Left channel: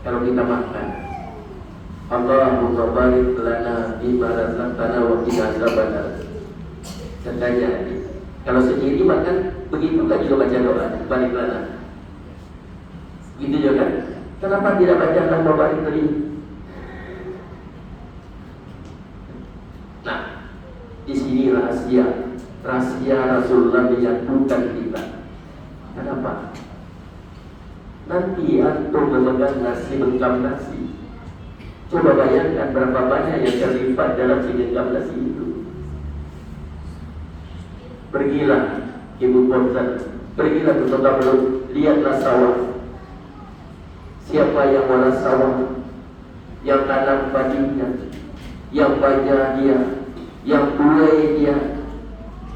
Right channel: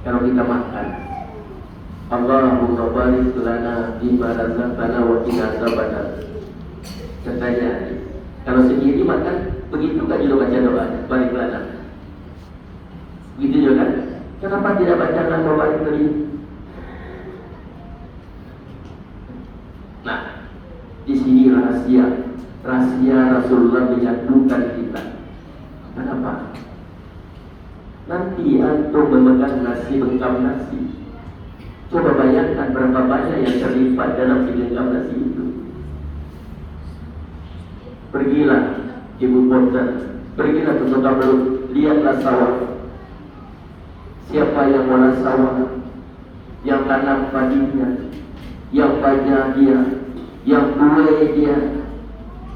Kalau kita makan, Allahumma barik lana bima razaqtana wa qina azabannar. Katanya, kalau sendiri makan begitu kan juga baca doa, barik lana. Gitu juga kan? Kenapa tidak baca nama barik tadi? Nah, di sini rahasia Rasulullah menyatukan kita. Kenapa? Nanti antum memegang nasi lengkap nasi. Coba bayangkan berapa banyak yang terlibat dalam segenggam nasi itu. Pergilah ibu kota, pergilah ke kota Belum, lihatlah sawah. Siapa yang olah sawah, yang tanam padinya, yang baja dia, yang buai dia,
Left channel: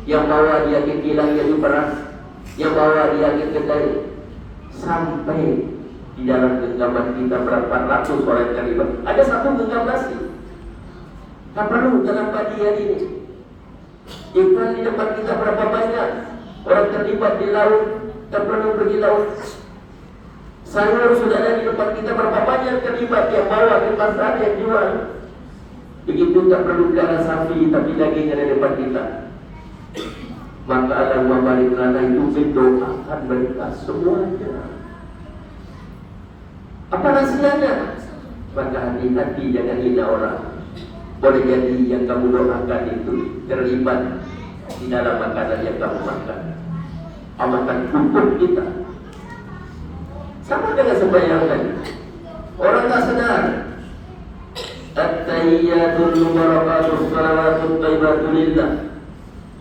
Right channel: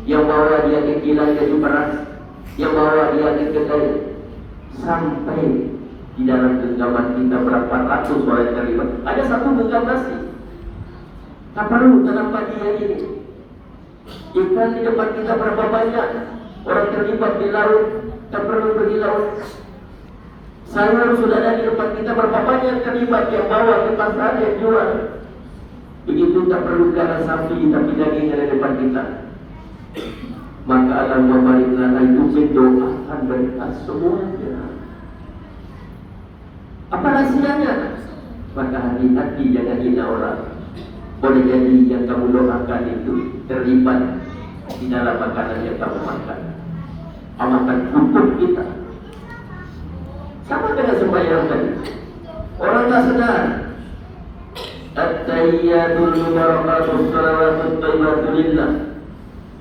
yang bawa dia ke kilang jadi beras, yang bawa dia ke kedai, sampai di dalam genggaman kita berapa ratus orang terlibat. Ada satu genggam nasi, tak perlu tanam padi ini. Ikan di depan kita berapa banyak orang terlibat di laut, tak perlu pergi laut. Sayur sudah ada di depan kita berapa banyak terlibat, yang bawa ke pasar, yang jual. Begitu tak perlu darah sapi, tapi daging ada di depan kita. Maka Allah barik lana itu mendoakan mereka semuanya. Apa rahasianya? Maka hati-hati jangan hina orang. Boleh jadi yang kamu doakan itu terlibat di dalam makanan yang kamu makan. Allah akan tutup kita. Sama dengan sembahyang tadi. Orang tak sedar. At-tahiyyatul mubarakatus salawatut thayyibatu lillah.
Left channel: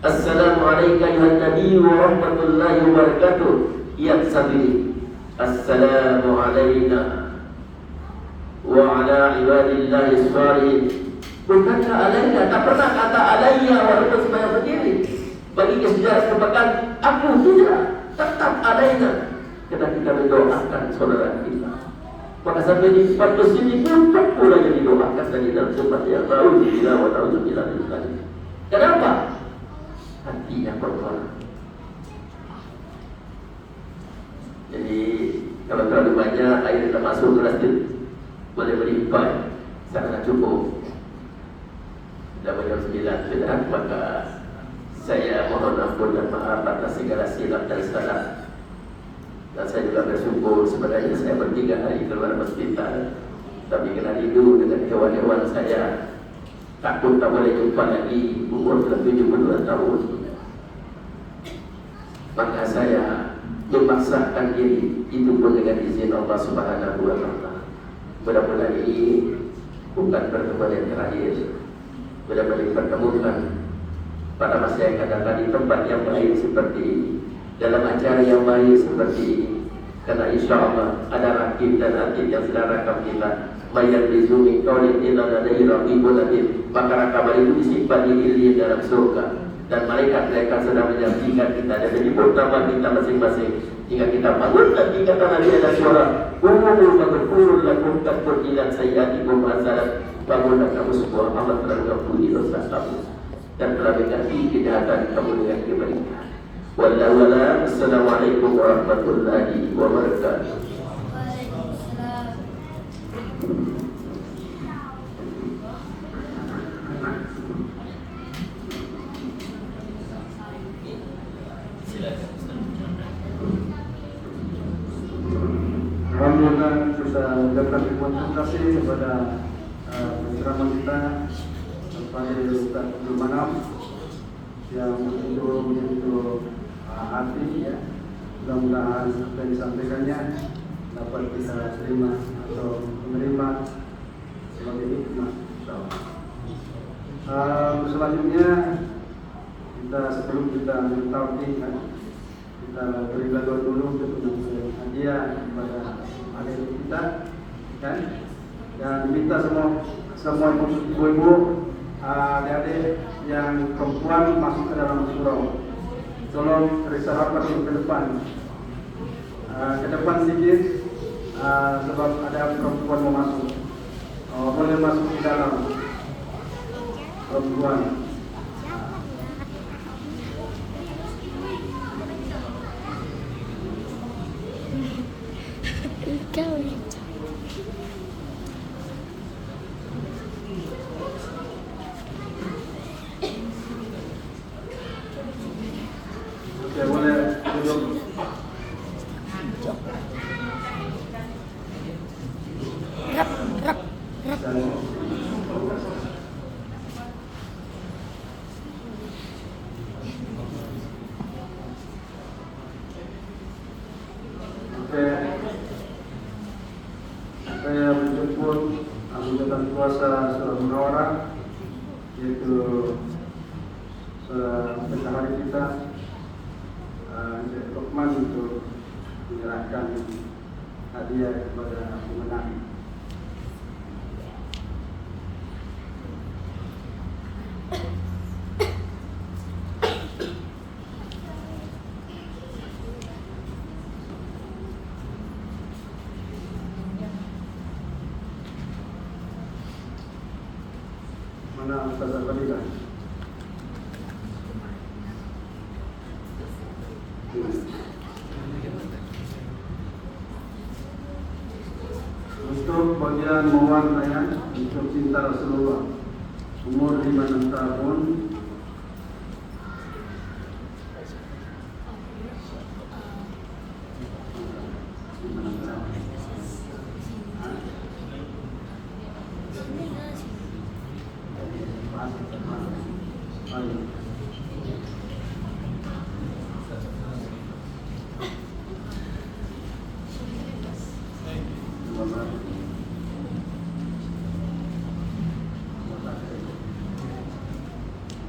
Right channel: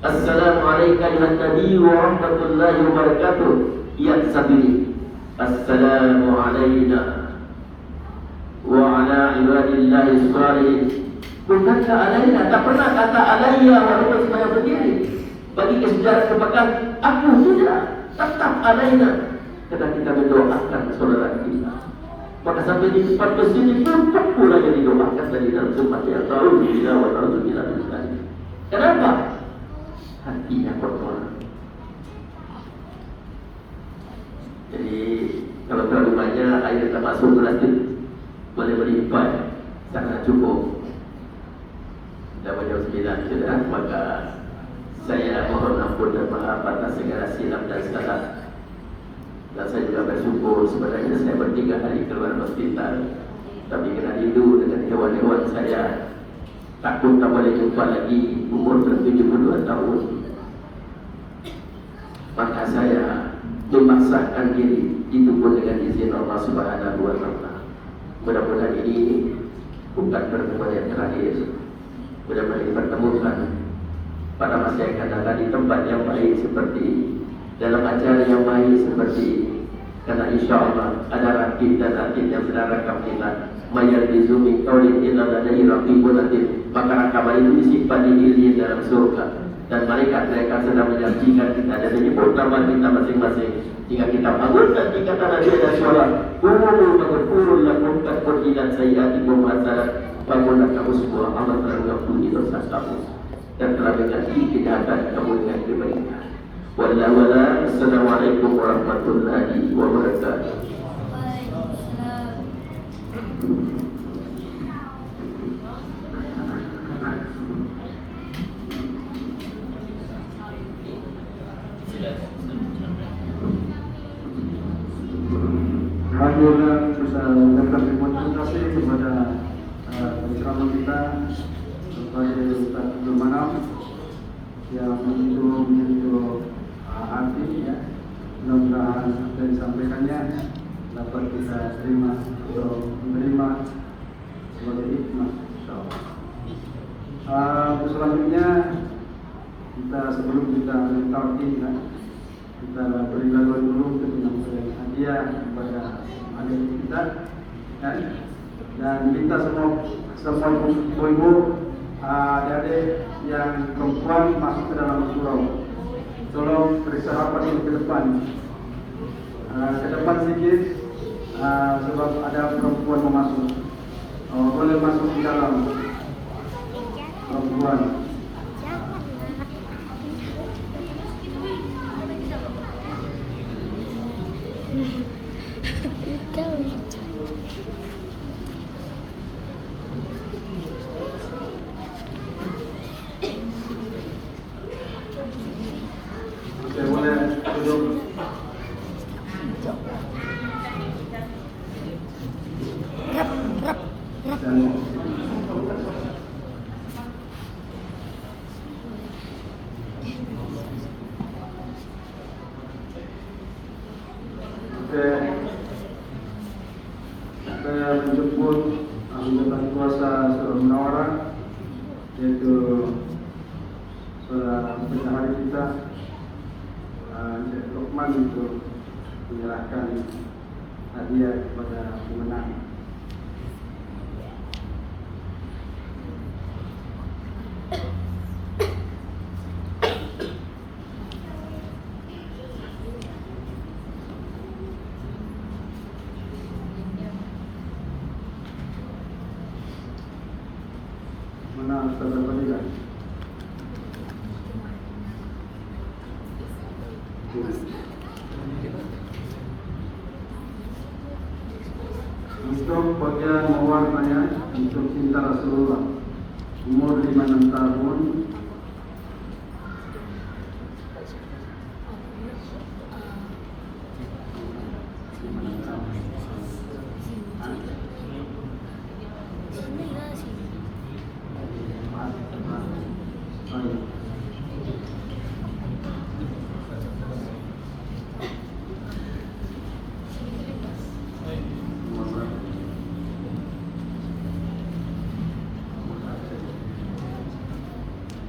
Assalamualaikum ayuhan nabi wa rahmatullahi wa barakatuh. Ya sabili. Assalamu alayna wa ala ibadillahi shalihin. Bukankah alayna? Tak pernah kata alayya walaupun sembahyang sendiri. Bagi sejarah merupakan aku tidak. Tetap alayna. Karena kita mendoakan saudara kita. Maka sampai di depan masjid itu tak pula yang didoakan tadi dalam surat yang tahu bila wa tahu bila tadi. Kenapa? Hatinya kotor. Jadi kalau terlalu banyak air tak masuk gelas itu boleh berlimpah, sangat cukup. Dah jam 9 sudah, maka saya mohon ampun dan maaf atas segala silap dan salah. Dan saya juga bersyukur sebenarnya saya bertiga hari keluar hospital, tapi kena rindu dengan hewan-hewan saya. Takut tak boleh jumpa lagi, umur sudah 72 tahun. Maka saya memaksakan diri, itu pun dengan izin Allah Subhanahu wa Ta'ala. Mudah-mudahan ini bukan pertemuan yang terakhir. Mudah-mudahan dipertemukan pada masa yang akan datang di tempat yang baik seperti ini, dalam acara yang baik seperti ini. Karena insya Allah ada rakib dan atid yang sedang rakam kita. Mayat bizumi qaulin illa ladaihi raqibun atid. Maka rakaman itu disimpan di diri dalam surga. Dan mereka sedang menyaksikan kita dan menyebut nama kita masing-masing. Jika kita bangun nanti kata Nabi ada suara, "Qul lakum taqulan sayyatikum hasanat." Bangunlah kamu semua, Allah telah mengampuni dosa kamu dan telah mengasihi kejahatan kamu dengan kebaikan. Wallahu a'lam. Assalamualaikum warahmatullahi wabarakatuh. Alhamdulillah bisa mengucapkan terima kasih kepada penceramah kita kepada Ustaz Abdul Manam yang untuk hati ya. Mudah-mudahan apa yang disampaikannya dapat kita terima atau menerima sebagai hikmah. Selanjutnya kita sebelum kita mentalkin ya, kita berikan dulu untuk hadiah kepada adik kita kan, dan minta semua ibu adik yang perempuan masuk ke dalam surau. Tolong periksa rapat ke depan, sedikit sebab ada perempuan mau masuk. Boleh masuk ke dalam perempuan. Saya menjemput anggota kuasa Surah Munawarah, yaitu saudara kita Lokman, untuk menyerahkan hadiah kepada pemenang. Mana Ustaz Fadilah? Untuk bagian mewarnanya, untuk cinta Rasulullah, umur 56 tahun.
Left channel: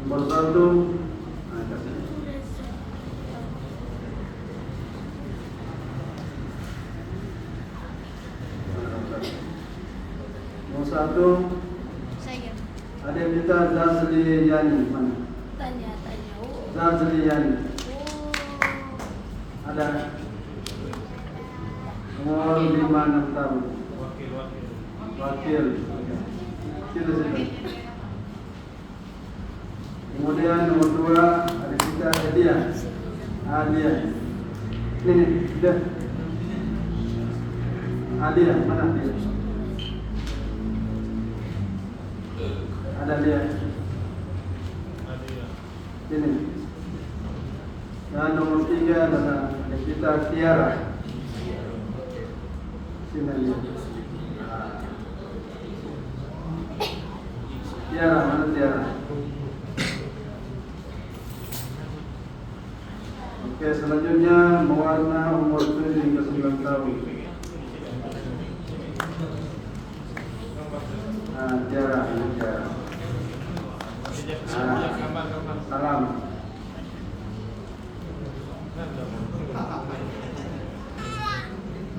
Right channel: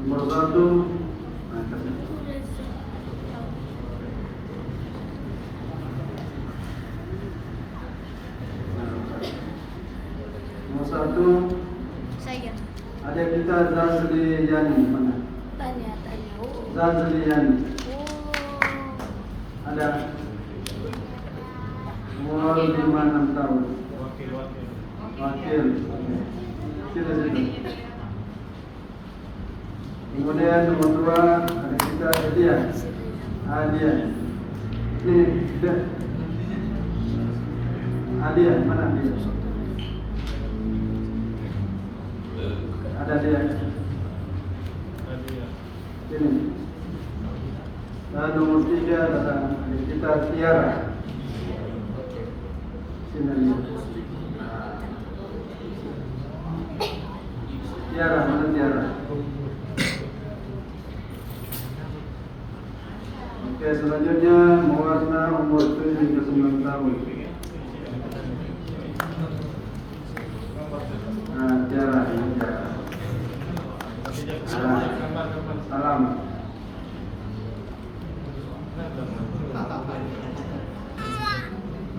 Nomor 1, Saya ada kita Zazli Yani. Mana? tanya. Zazli Yani. Ada umur 56 tahun. Wakil. Sini. Kemudian nomor 2 ada kita Adia. Ini sudah. Adia, mana dia? Ada dia. Ini. Dan nomor 3 ada kita Tiara. Sini dia. Tiara, mana Tiara? Oke, selanjutnya mewarna umur 7 hingga 9 tahun. Tiara. Salam.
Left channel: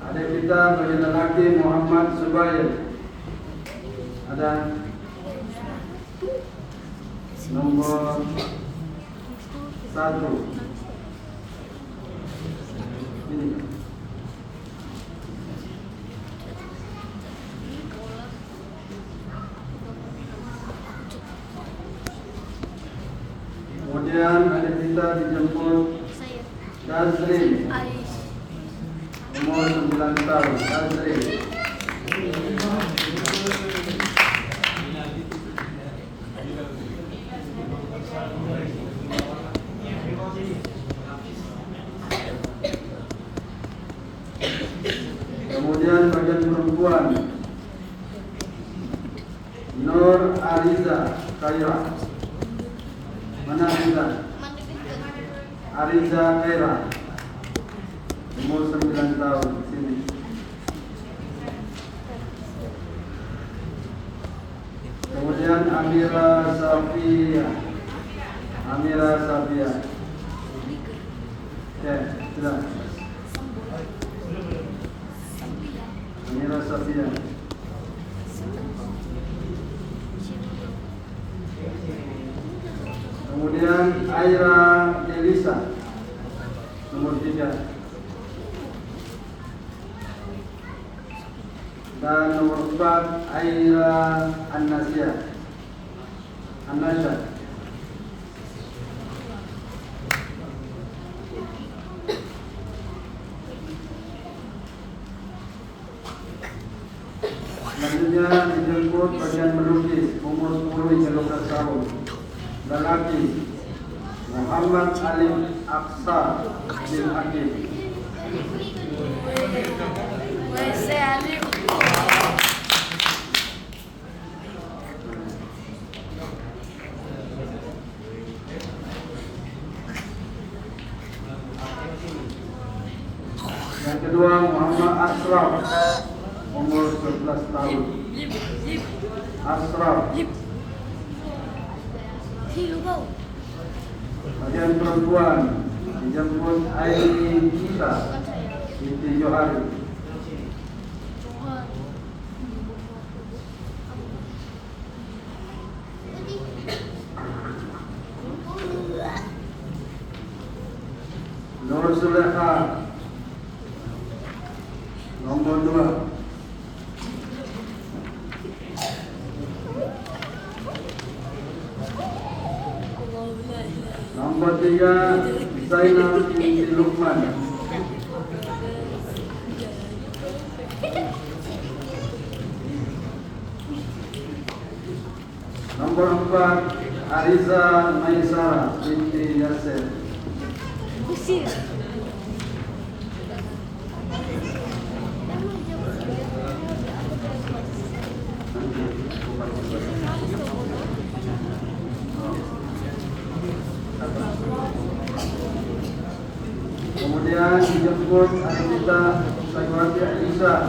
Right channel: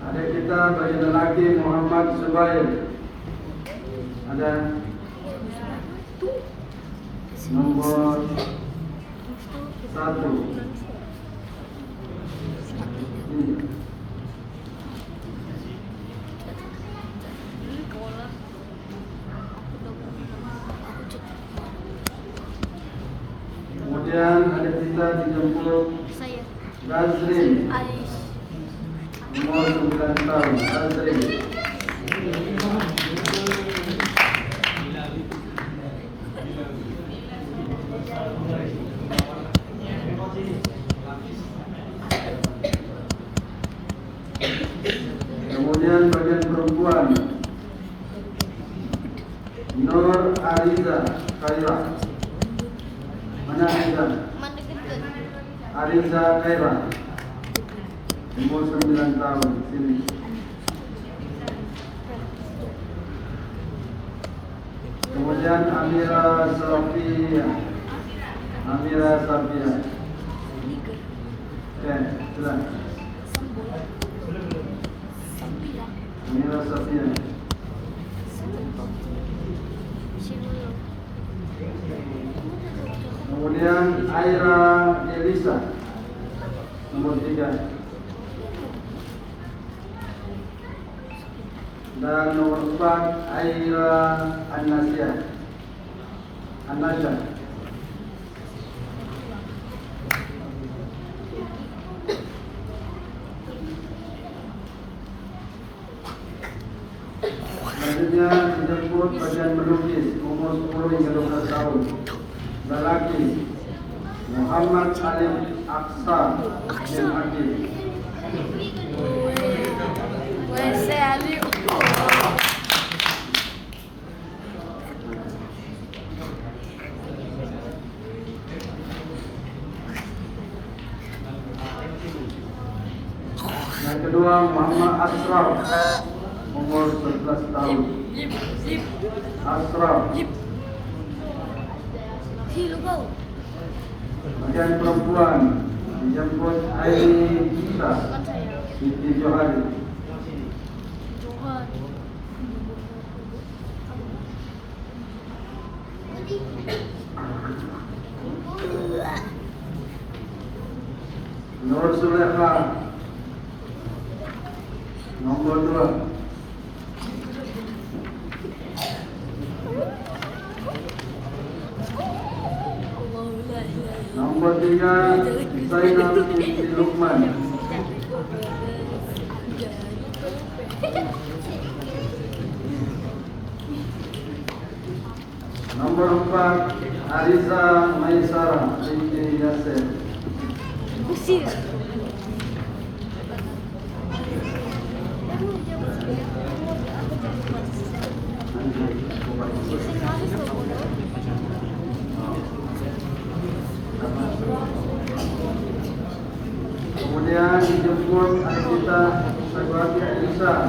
Ada kita bagi lelaki Muhammad Zubair. Ada nomor 1. Kemudian ada kita dijemput Saya Nazrin, Alis. umur 9 tahun. Nazrin. Kemudian bagian perempuan Nur Ariza Kaira. Mana Ariza? Ariza Kaira, umur 9 tahun. Sini. Kemudian Amira Safia. Ya, sudah. Amira Safia. Kemudian Aira Elisa, nomor 3. Dan nomor 4 Aira Anasya. Selanjutnya dijemput bagian melukis, umur 10 hingga 12 tahun. Lelaki Muhammad Ali Aksa bin Akil. Saya Ali. Asraf, umur 11 tahun. Asraf. Bagian perempuan dijemput Aini Isa Siti Johari. Nur Sulekha nomor 2. Nomor 3 Zainal binti Luqman. Nomor 4 Ariza Maisara binti Yasir. Kemudian dijemput Anita Sakwati Aisyah.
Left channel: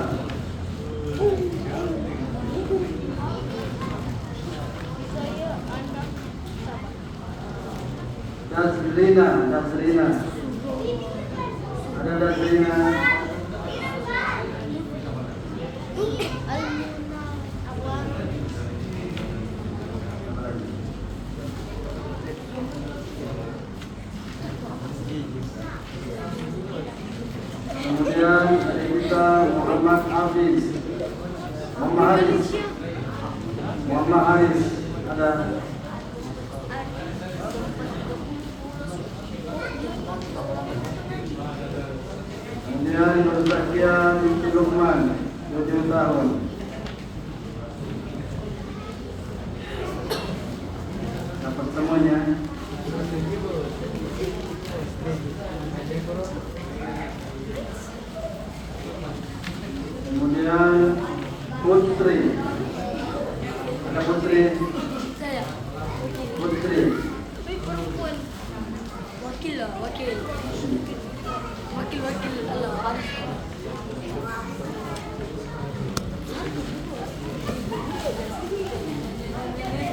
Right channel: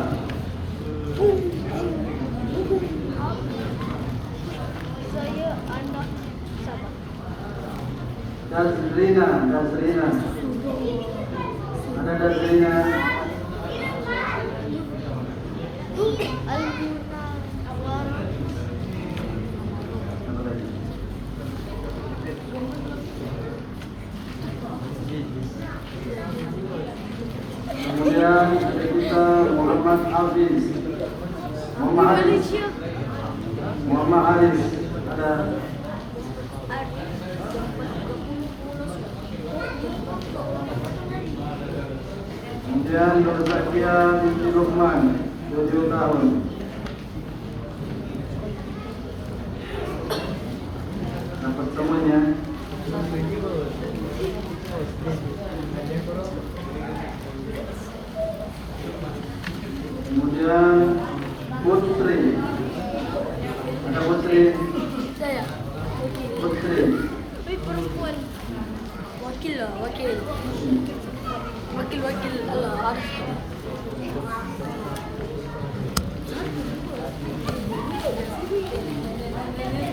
Dazrina. Ada Dazrina. Kemudian kita Muhammad Hafiz. Muhammad Haris. Ada. Kemudian Nur Zakia binti Luqman 7 tahun. Dapat semuanya. Kemudian Putri. Ada Putri. Putri. Wakil Allah harus.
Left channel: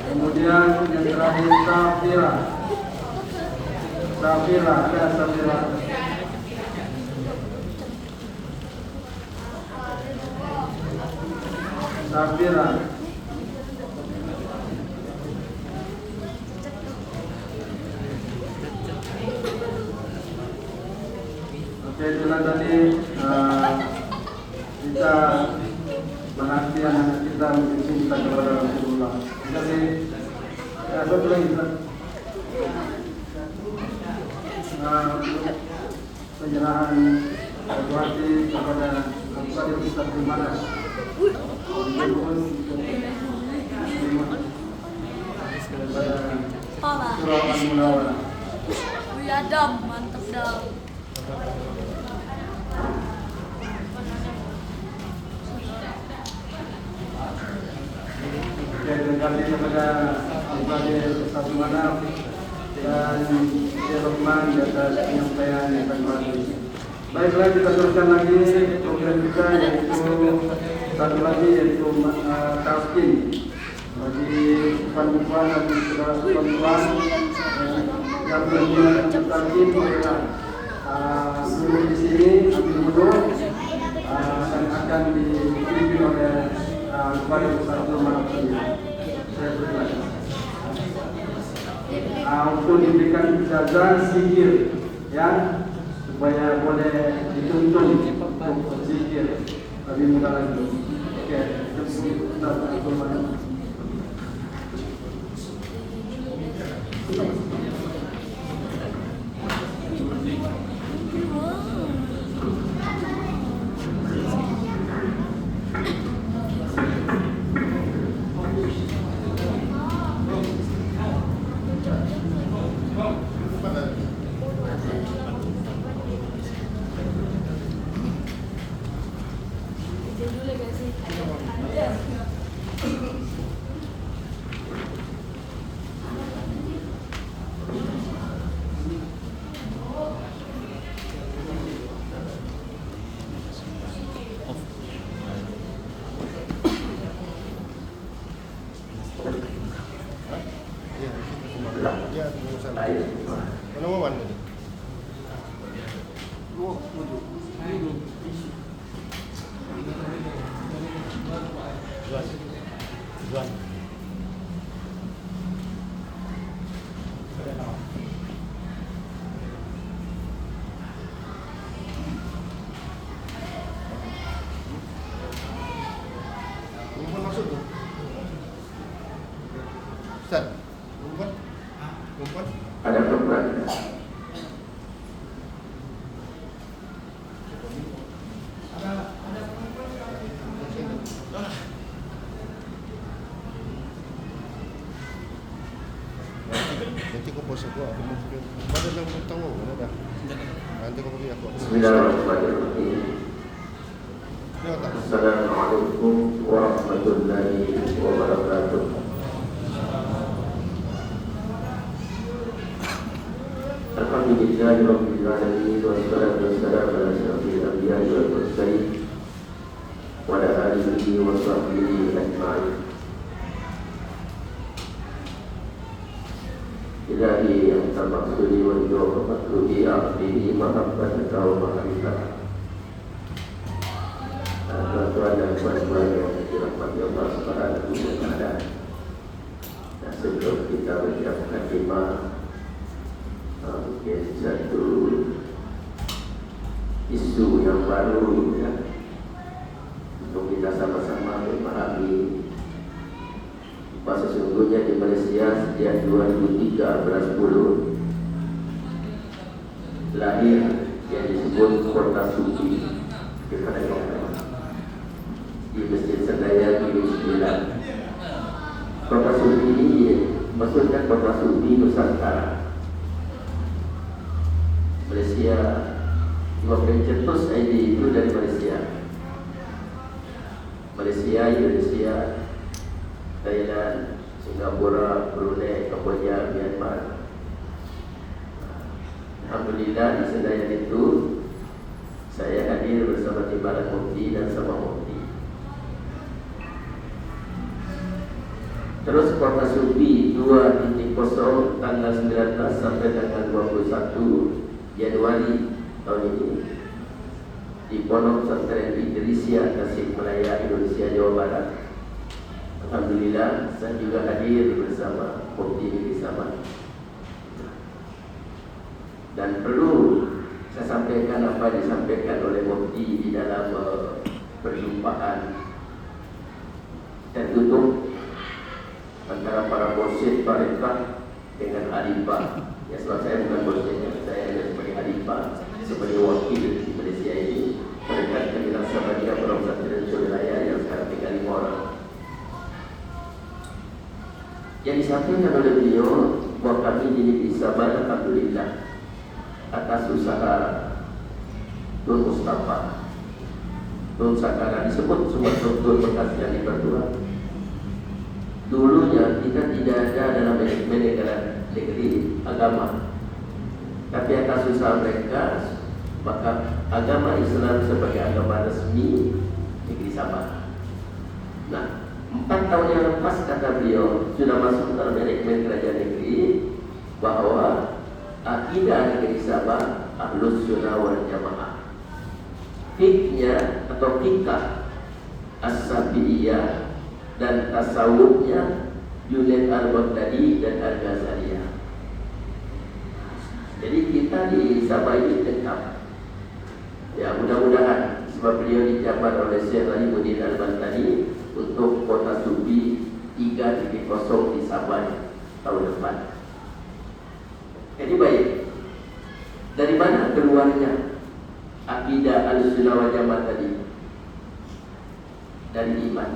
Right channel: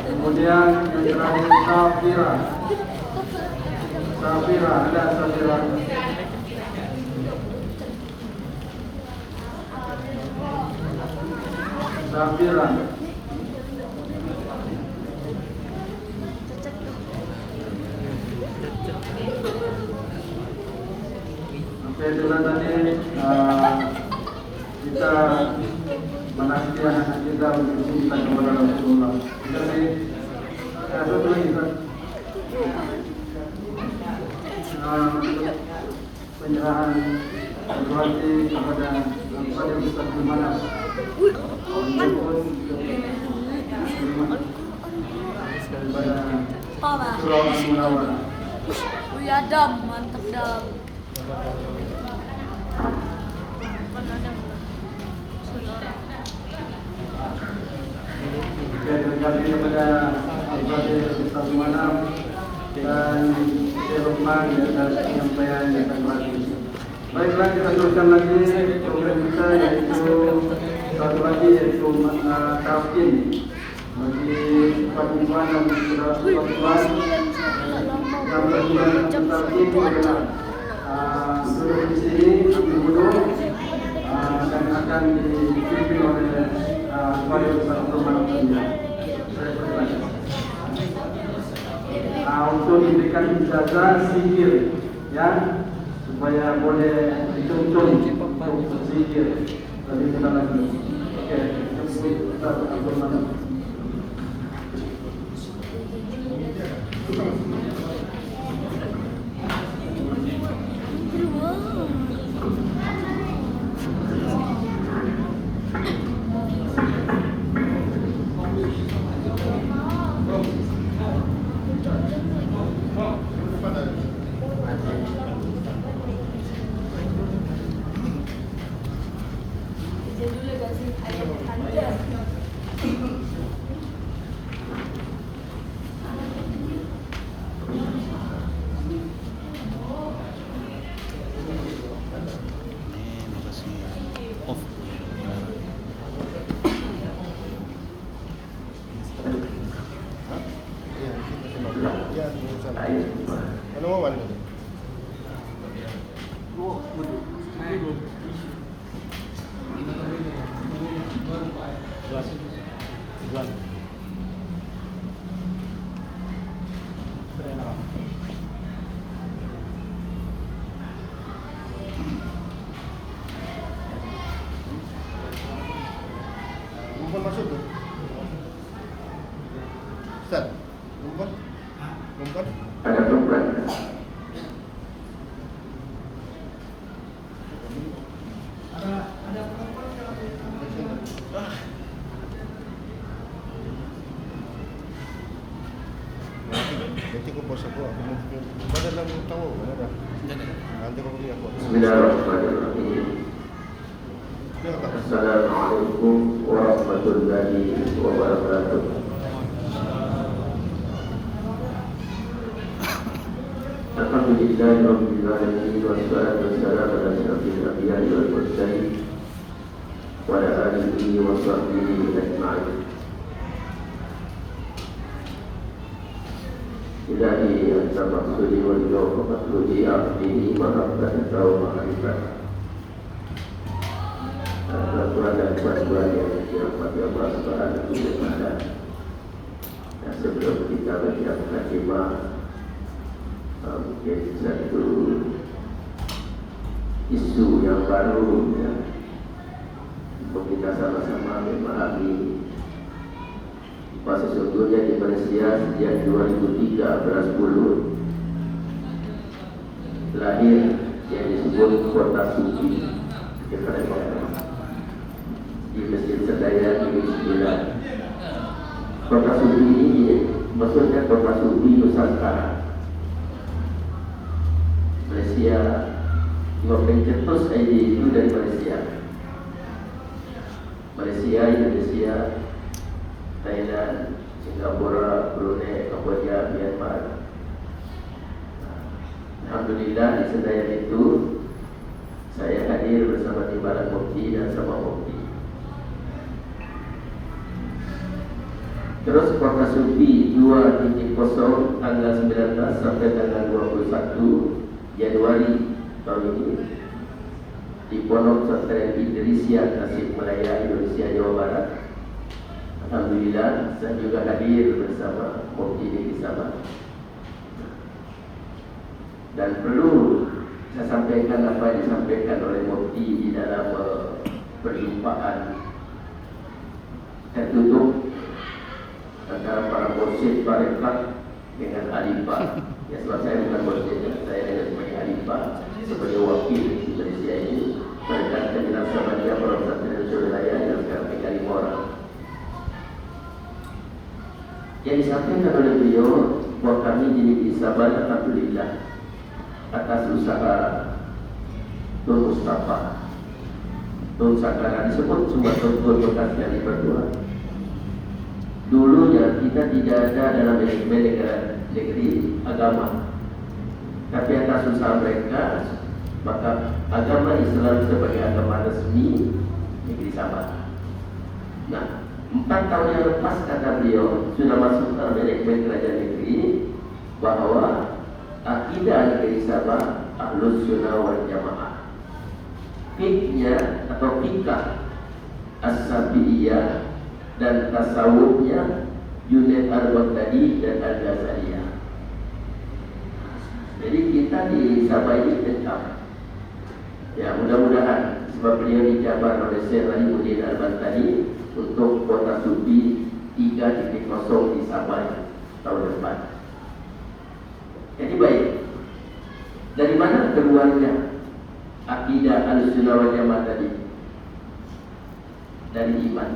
Kemudian yang terakhir Safira. Ada Safira. Oke, itulah tadi kita penantian kita untuk kita kepada Rasulullah. Jadi ada lagi kita penyerahan berarti kepada pada kita tinggal. Ya dam, mantap dam. Terima kasih kepada Ustaz Manaf dan Jerman atas penyampaian yang terbaik. Baiklah, kita teruskan lagi program kita, yaitu satu lagi yaitu talqin bagi perempuan dan perempuan yang berniat talqin adalah guru di sini, guru dan akan dipimpin oleh untuk diberikan ijazah sihir, ya, supaya boleh dituntun untuk sihir. Tadi minta lagi. Oke, kita bermana. Off. Nanti kau post aku pada dalam tahu berapa? Nanti kau pergi aku. Bismillahirrahmanirrahim. Assalamualaikum warahmatullahi wabarakatuh. Alhamdulillahirabbil alamin wassalatu wassalamu ala asyrofil anbiya'i wal mursalin wa ala alihi wa sahbihi ajma'in. Ilahi anta maksudi wa jawab maksudi abdihi wa rabbaka wa ma'rifah. Tuhan dan Tuhan yang dirahmati Allah Subhanahu wa taala. Dan sebelum kita menyiapkan tema mungkin satu isu yang baru ya, untuk kita sama-sama memahami bahwa sesungguhnya di Malaysia sejak 2003 bulan 10 lahir yang disebut Kota Suci kepada Allah di Masjid Sedayan di Sembilan. Kota Suci ini maksudnya Kota Suci Nusantara. Malaysia, pencetus ID itu dari Malaysia, Indonesia, Thailand, Singapura, Brunei, Kamboja, Myanmar. Alhamdulillah di Sedayan itu saya hadir bersama Timbalan Mufti dan sama Mufti. Terus Kota Suci 2.0 tanggal 19 sampai tanggal 21 Januari tahun ini di Pondok Pesantren Idrisiah Tasikmalaya, Indonesia, Jawa Barat. Alhamdulillah saya juga hadir bersama Mufti di sana. Dan perlu saya sampaikan apa yang disampaikan oleh Mufti di dalam perjumpaan tertutup antara para mursyid tarekat dengan Alifah. Ya, sebab saya bukan mursyid, saya sebagai Alifah, sebagai wakil di Malaysia ini. Tarekat yang dilaksanakan Pondok Pesantren Wilayah yang sekarang 35 orang. Yang disampaikan oleh beliau bahwa kami di Sabah, alhamdulillah, atas usaha Tun Mustafa, Tun Sakara, disebut semua Tun bekas yang diperbuat. Dulunya kita tidak ada dalam manajemen negeri agama, tapi atas usaha mereka maka agama Islam sebagai agama resmi negeri Sabah. Nah, 4 tahun yang lepas kata beliau sudah masuk dalam manajemen kerajaan negeri bahwa akidah negeri Sabah Ahlus Sunnah wal Jamaah, fikihnya atau fikah as-Safi'iyah dan tasawufnya Junaid al-Baghdadi dan al-Ghazaliyah. Jadi kita di Sabah ini tetap, ya mudah-mudahan sebab beliau dijabat oleh Syekh Aliuddin al-Baghdadi untuk Kota Suci 3.0 di Sabah tahun depan. Jadi baik, dari mana keluarnya akidah Ahlussunnah wal Jamaah tadi? Dari iman.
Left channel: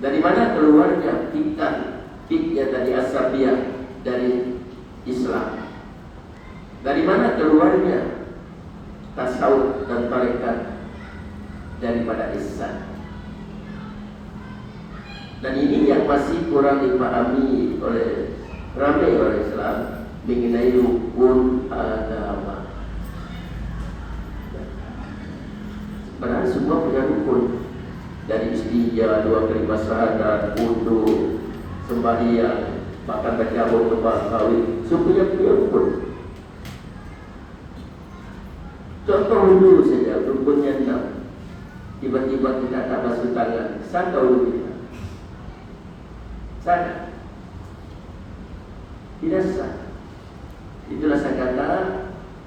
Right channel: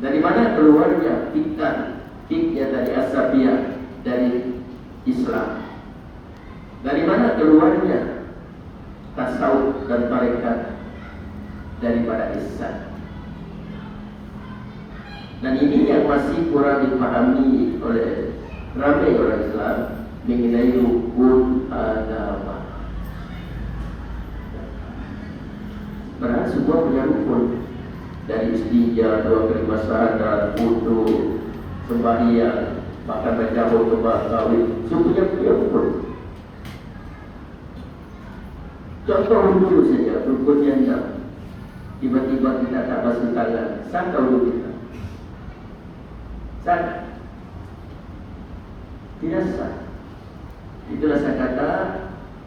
Dari mana keluarnya fikihnya dari As-Safiyah, dari Islam? Dari mana keluarnya tasawuf dan tarekat? Daripada Islam. Dan ini yang masih kurang dipahami oleh ramai orang Islam mengenai rukun agama. Padahal semua punya rukun. Dari istinja, 2 kali syahadat, wudu, sembahyang, bahkan baca khutbah kawin, semuanya punya rukun. Contoh dulu saja, rukunnya 6. Tiba-tiba kita tak basuh tangan, sah tahu kita? Sah? Tidak sah. Itulah saya kata,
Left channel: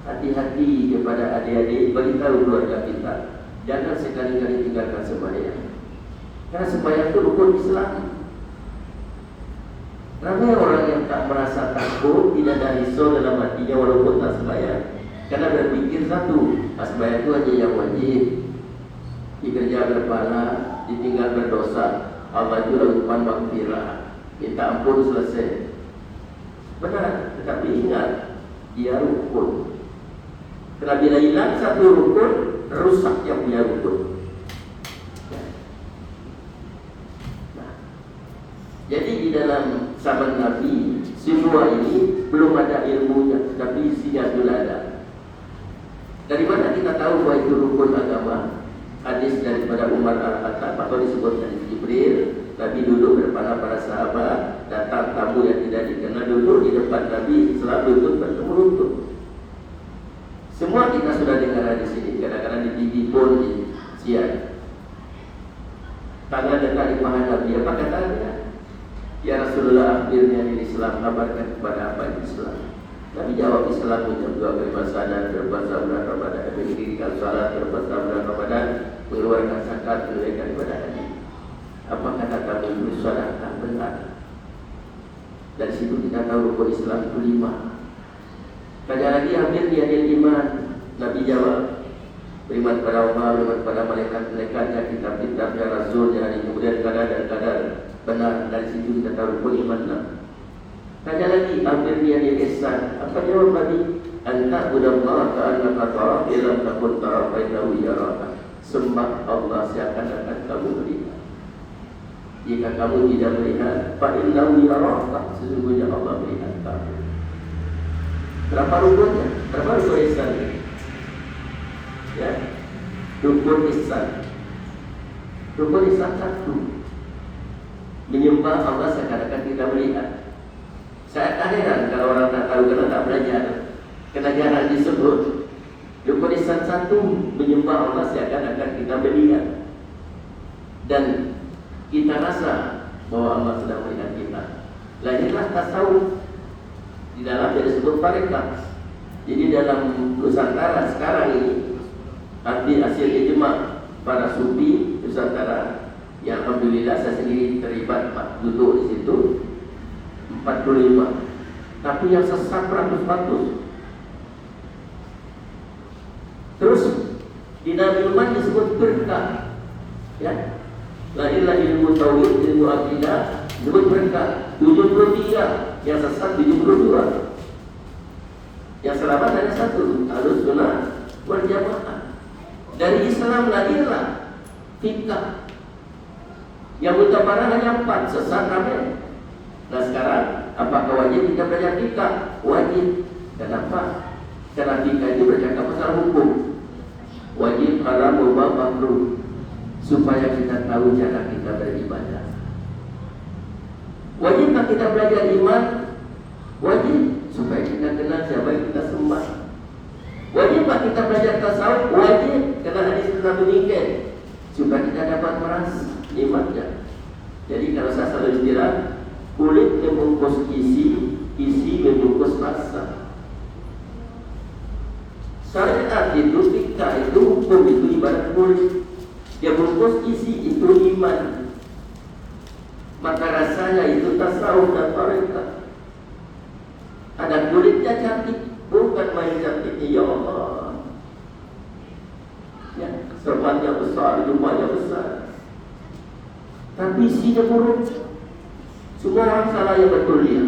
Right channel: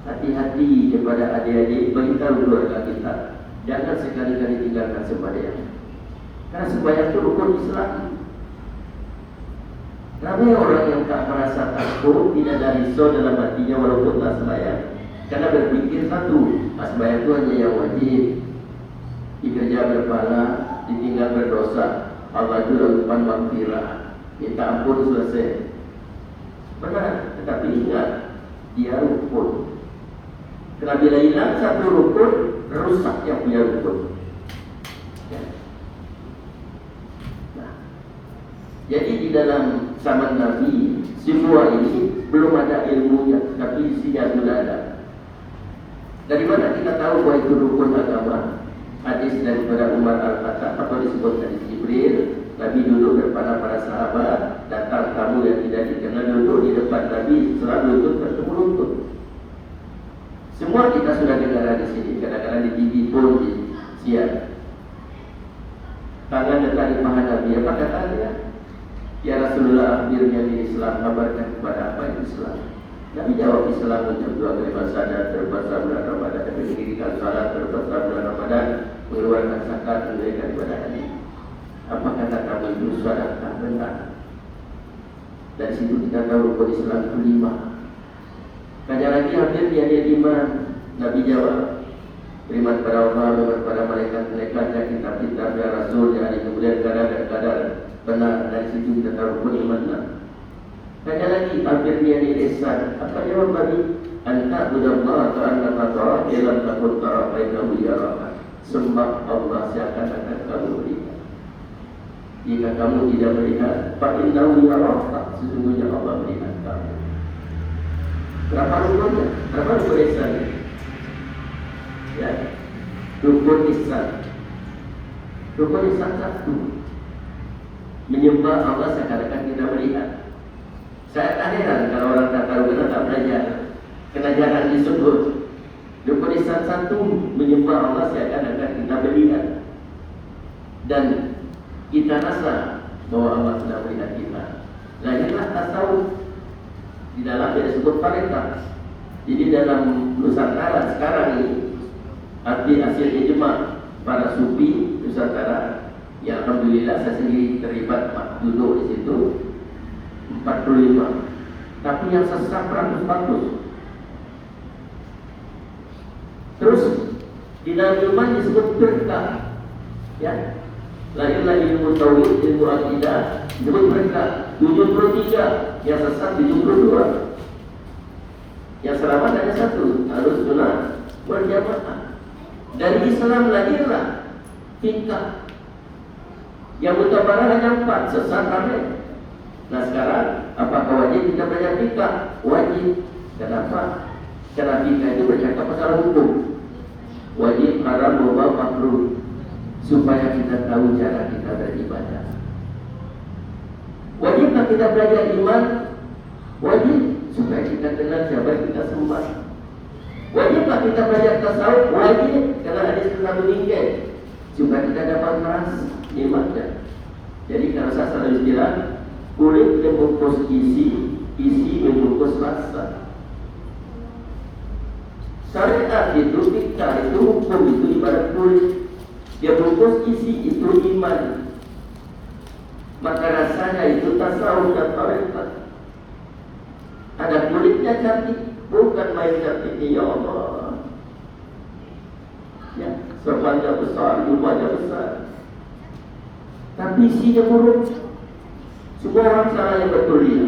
hati-hati kepada adik-adik, beritahu keluarga kita, jangan sekali-kali tinggalkan sembahyang. Karena sembahyang itu rukun Islam. Ramai orang yang tak merasa takut, tidak ada risau dalam hatinya walaupun tak sembahyang, karena berpikir satu, sembahyang itu hanya yang wajib, dikerja berpahala, ditinggal berdosa, Allah itu lakukan maghfirah, minta ampun selesai. benar, tetapi ingat dia rukun. Karena bila hilang satu rukun, rusak yang dia rukun. Nah, jadi di dalam zaman Nabi semua ini belum ada ilmunya, tapi isinya sudah ada. Dari mana kita tahu bahwa itu rukun agama? Hadis daripada Umar Al-Khattab atau disebut hadis Jibril. Nabi dulu bersama para sahabat, datang tamu yang tidak dikenal dulu di depan Nabi, selalu lutut bertemu lutut. Semua kita sudah dengar hadis ini, kadang-kadang di TV pun di siang. Tangan dekat di paha Nabi, apa katanya? Ya Rasulullah, akhirnya di Islam, kabarkan kepada apa Islam? Nabi jawab, Islam itu dua beribadah dan berpuasa bulan Ramadan, mendirikan salat, berpuasa bulan Ramadan, mengeluarkan zakat, menunaikan ibadah haji. Apa kata kami itu sadaqah benar? Dari situ kita tahu rukun Islam itu 5. Ada lagi hampir dia ada 5. Nabi jawab, beriman kepada Allah, beriman kepada malaikat-malaikatnya, kitab-kitabnya, rasulnya, hari kemudian kadar dan kadar benar. Dari situ kita tahu rukun iman 6. Ada lagi hampir dia ada ihsan. Apa jawab Nabi? Anta budallah ta'ala ta'ala ilam takut ta'ala fa'inahu yaraka. Sembah Allah seakan-akan kamu melihat. Jika kamu tidak melihat, fa'inahu yaraka, sesungguhnya Allah melihat kamu. Berapa rukunnya? Berapa rukun ihsan? Ya, rukun ihsan. Rukun ihsan 1, menyembah Allah seakan-akan kita melihat. Saat akhirat kalau orang tak tahu, kena tak belajar, kena jarang disebut. Rukun ihsan 1, menyembah Allah seakan-akan kita melihat, dan kita rasa bahwa Allah sudah melihat kita. Lahirlah tasawuf. Di dalamnya disebut tarekat. Jadi dalam Nusantara sekarang ini, arti hasil ijma para sufi Nusantara, yang alhamdulillah saya sendiri terlibat duduk di situ, 45. Tapi yang sesat 100%. Terus di dalam iman disebut berkah. Ya. Lahirlah ilmu tauhid, ilmu akidah, disebut berkah. 73, yang sesat 72. Yang selamat ada 1, harus sunnah berjamaah. Dari Islam lahirlah fikah. Yang mutabarak hanya 4, sesat aneh. Nah sekarang, apakah wajib kita belajar fikah? Wajib. Kenapa? Karena fikah itu bercakap pasal hukum. Wajib, haram, mubah, makruh, supaya kita tahu cara kita beribadah. Wajibkah kita belajar iman? Wajib, supaya kita kenal siapa yang kita sembah. Wajibkah kita belajar tasawuf? Wajib, karena hadis Nabi meninggal, supaya kita dapat merasa imannya. Jadi kalau saya selalu bilang, kulit membungkus isi, isi membungkus rasa. Syariat itu, fikah itu, hukum itu ibarat kulit. Dia bungkus isi itu iman. Maka rasanya itu tasawuf dan tarekat. Ada kulitnya cantik, bukan main cantiknya ya Allah. Ya, serbannya besar, jumlahnya besar, tapi isinya buruk. Semua orang salah yang betul dia,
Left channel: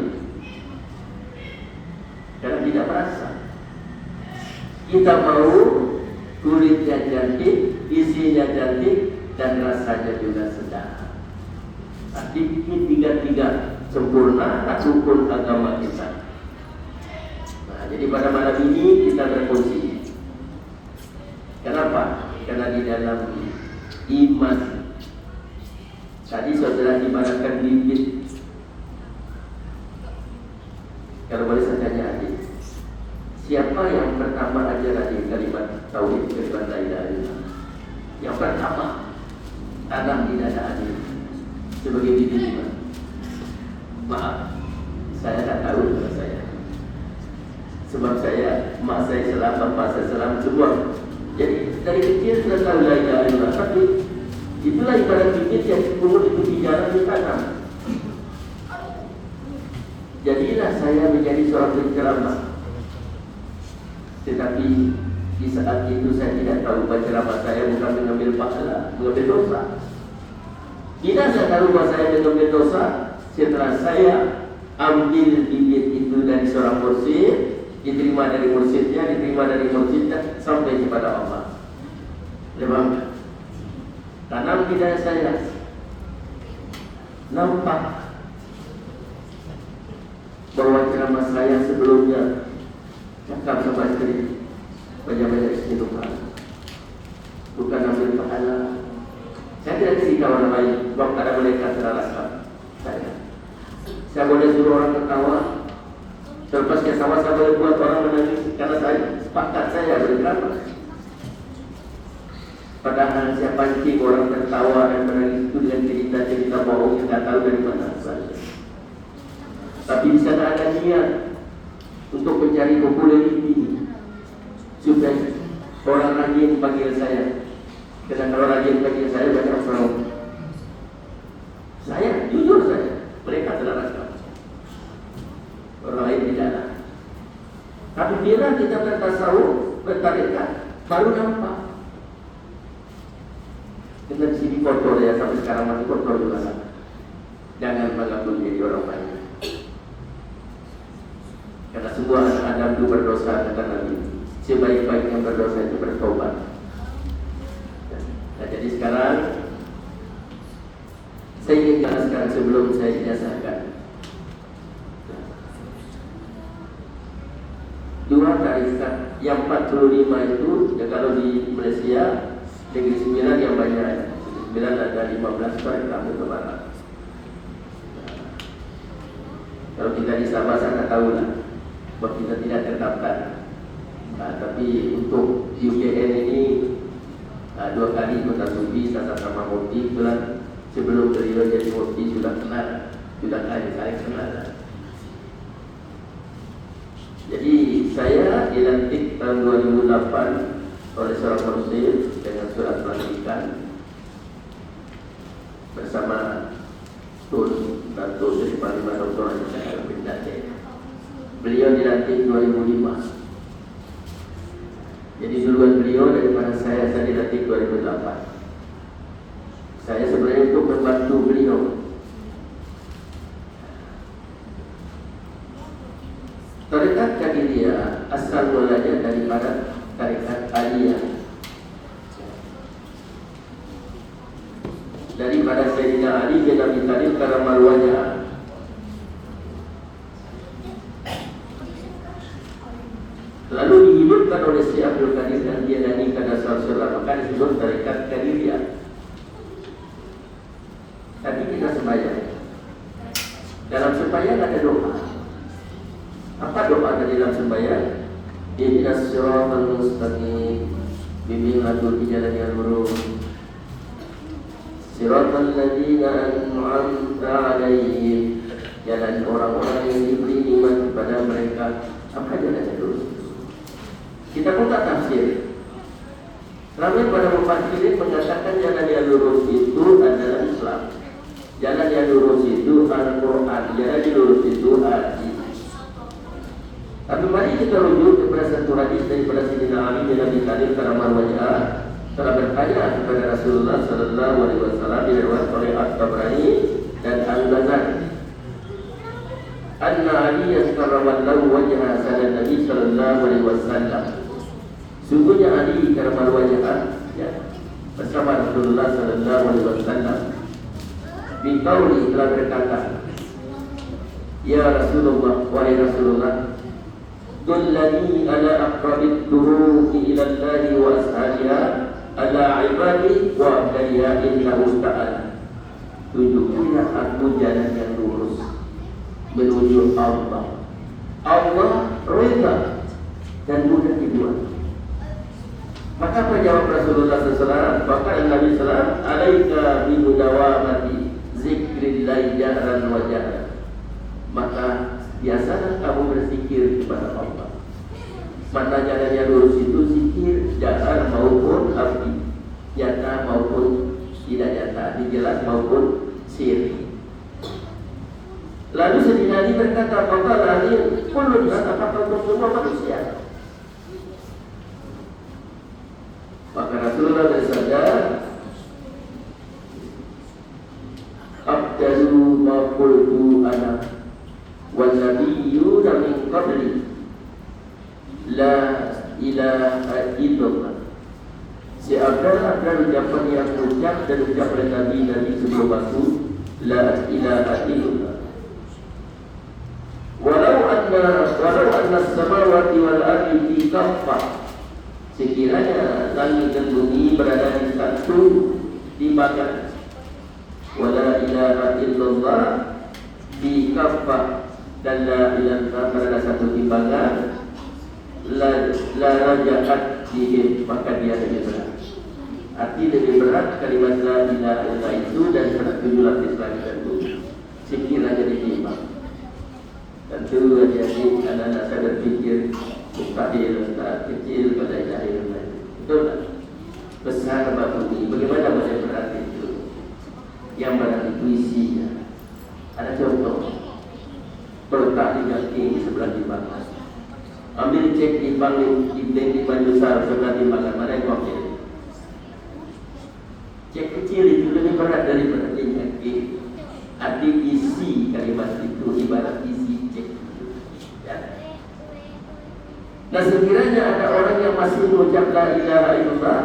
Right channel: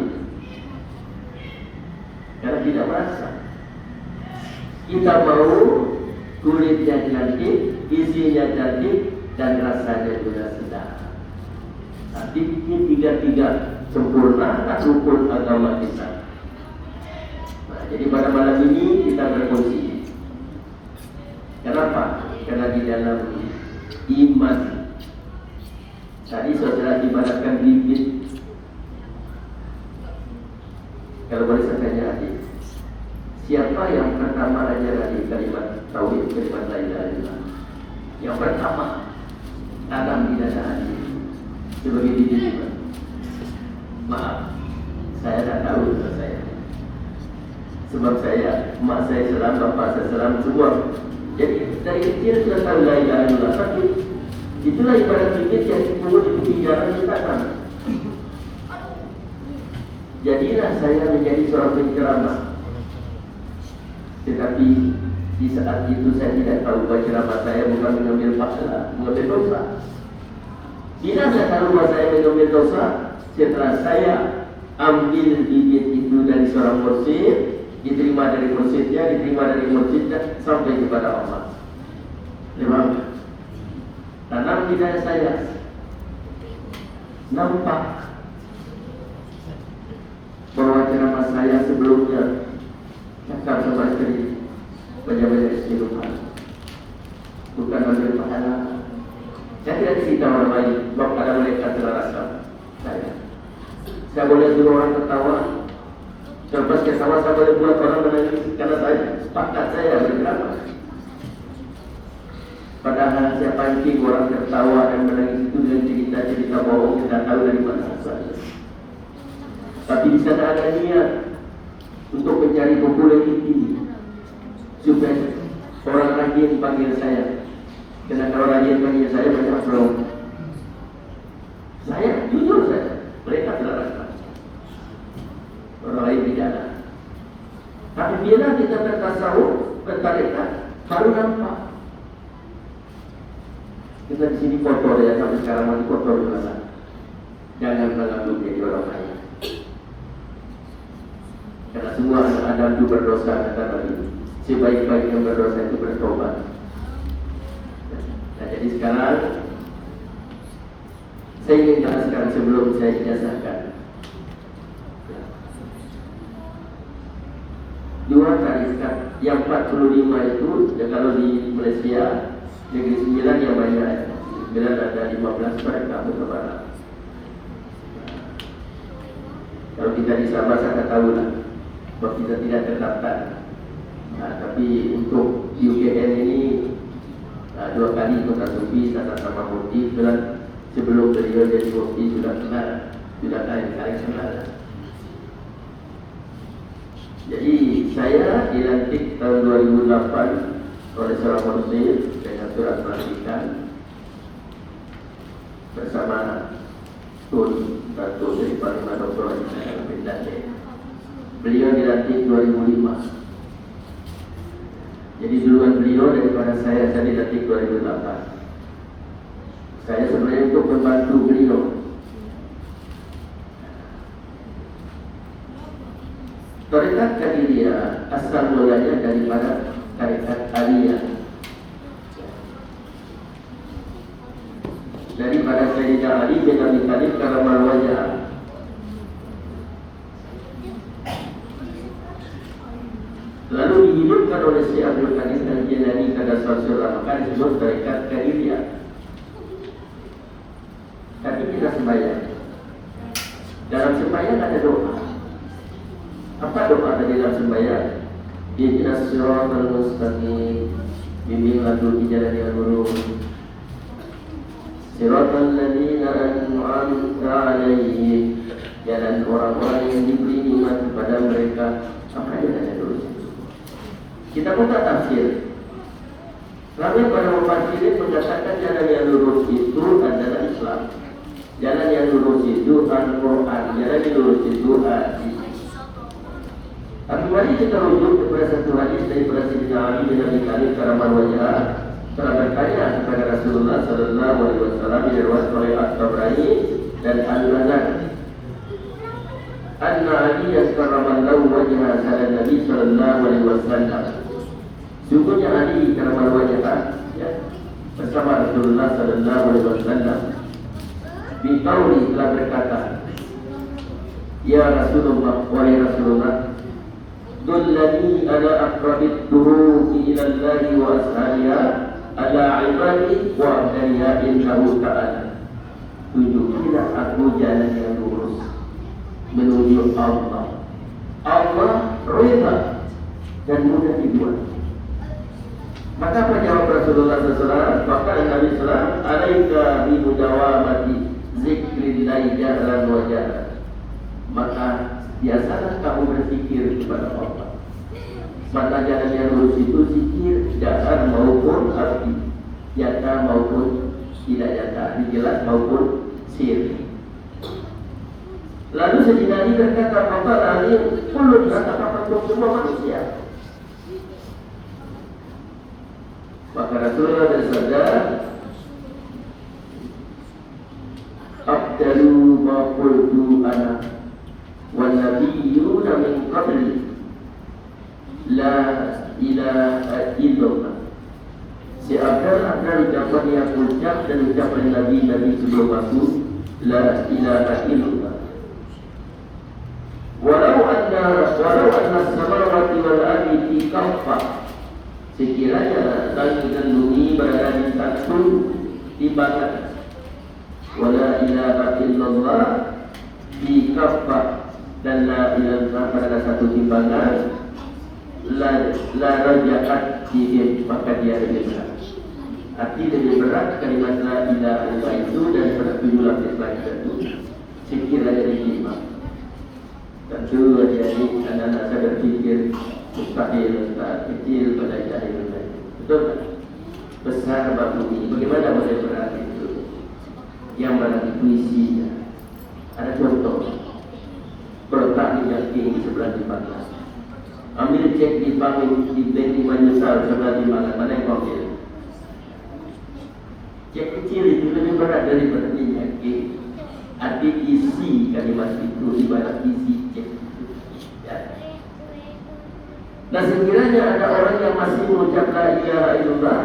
karena tidak merasa. Kita mau kulitnya cantik, isinya cantik, dan rasanya juga sedap. Nanti tiga-tiga sempurna, tak rukun agama kita. Nah, jadi pada malam ini kita berfungsi. Kenapa? Karena di dalam iman tadi saudara ibaratkan bibit. Kalau boleh saya tanya adik, siapa yang pertama ajar adik kalimat tauhid, kalimat la ilaha illallah? Yang pertama Adam tidak ada adik sebagai bibit iman. Maaf, saya tak tahu dengan saya. Sebab saya, mak saya Islam, bapak saya Islam, semua. Jadi dari kecil sudah tahu la ilaha illallah. Tapi itulah ibarat bibit yang dikurung di jalan di tanah. Jadilah saya menjadi seorang penceramah. Tetapi di saat itu saya tidak tahu penceramah saya bukan mengambil pahala, mengambil dosa. Bila saya tahu bahwa saya mengambil dosa, setelah saya ambil bibit itu dari seorang mursyid, diterima dari mursyidnya, diterima dari mursyidnya sampai kepada Allah. Memang tanam di dada saya, nampak bahwa ceramah saya sebelumnya cakap seperti banyak-banyak istighfar, bukan ambil pahala. Saya tidak cerita orang lain, bahwa ada mereka terasa saya boleh suruh orang ketawa, terlepas ke sawah saya boleh buat orang menangis karena saya sepakat saya bergerak. Padahal saya pancing orang tertawa dan menangis itu dengan cerita-cerita bohong yang tidak tahu dari mana asalnya. Tapi di sana ada niat untuk mencari populariti supaya orang rajin panggil saya. Karena kalau rajin panggil saya banyak orang. Saya jujur saja, mereka telah rasa. Orang lain tidak. Tapi bila kita bertasawuf, bertarekat, baru nampak. Kita di sini kotor ya, sampai sekarang masih kotor juga. Jangan mengambil jadi orang lain. Karena semua anak Adam itu berdosa dan Nabi. Sebaik-baik yang berdosa itu bertobat. Nah, jadi sekarang saya ingin jelaskan sebelum saya ijazahkan. Dua tarikat yang 45 itu, ya kalau di Malaysia negeri 9 yang banyak, 9 ada 15 tarikat berbarat. Kalau kita di Sabah saya tahu lah, bahwa kita tidak terdaftar. Nah, tapi untuk UKN ini 2 kali Kota Sufi, sama Mufti, sebelum beliau jadi Mufti sudah kenal, sudah saling kenal. Jadi saya dilantik tahun 2008 oleh seorang muslim dengan surat pelantikan bersama Tun Datuk Seri Panglima Dr. Haji bin Dade. Beliau dilantik 2005. Jadi duluan beliau daripada saya dilantik 2008. Saya sebenarnya untuk membantu beliau. Tarekat Qadiriyah asal mulanya daripada tarekat Aliyah. Daripada Sayyidina Ali bin Abi Thalib karamah wajah. Lalu dihidupkan oleh Syekh Abdul Qadir Al-Jilani pada Rasulullah disebut tarekat Qadiriyah. Tapi kita sembahyang. Dalam sembahyang ada doa. Apa doa dari dalam sembahyang? Ihdinas siratal mustaqim, bimbinglah di jalan yang lurus. Siratal ladzina an'amta 'alaihim, jalan orang-orang yang diberi nikmat kepada mereka. Maka jalan yang lurus. Kita pun tak tafsir. Ramai para mufassirin mengatakan jalan yang lurus itu adalah Islam. Jalan yang lurus itu Al-Quran. Jalan yang lurus itu hadis. Tapi mari kita rujuk kepada satu hadis dari Sayyidina Ali bin Abi Thalib karamah wajah telah bertanya kepada Rasulullah sallallahu alaihi wasallam diriwayatkan oleh At-Tabrani dan Al-Bazari. Anna Ali karramallahu wajha sada Nabi sallallahu alaihi wasallam. Sungguhnya Ali karamah wajah ya bersama Rasulullah sallallahu alaihi wasallam biqauli telah berkata, ya Rasulullah, wahai Rasulullah, dullani ala aqrabit turuqi ila Allah wa ashabiha ala ibadi wa abdaniya innahu ta'ala. Tunjukilah aku jalan yang lurus menuju Allah. Allah rida dan mudah dibuat. Maka apa jawab Rasulullah SAW? Maka Nabi SAW, alaika bimudawamati zikrillahi jahran wa jahran. Maka biasalah kamu berzikir kepada Allah. Mata jalan yang lurus itu zikir jahran maupun khafi, nyata maupun tidak nyata, dijelas maupun sirri. Lalu Sayyidina Ali berkata, maka Ali kulun apakah untuk semua manusia? Maka Rasulullah bersabda, abdalu ma qultu ana wal nabiyyuna min dan ucapan Nabi sebelum aku, la ilaha illallah. Walau anna samawati wal ardi fi kaffah, sekiranya langit dan bumi berada di satu timbangan, wala ilaha illallah fi kaffah, dan la ilaha berada satu timbangan, la rajaat dihim, maka dia lebih berat. Arti lebih berat kalimat la ilaha illallah itu daripada 7 lapis langit dan bumi, sekiranya ditimbang. Tentu jadi anak-anak saya berpikir mustahil, tak kecil pada jahil. Betul tak? Besar bab ini, bagaimana boleh berat itu? Yang berat itu isinya. Ada contoh, letak di kaki di sebelah timbangan. Ambil cek di bank di bank di Manjusa sebelah timbangan, tak ada mobil. Cek kecil itu lebih berat daripada kaki. Arti isi kalimat itu ibarat isi cek. Ya. Nah, sekiranya ada orang yang masih mengucap la ilaha illallah,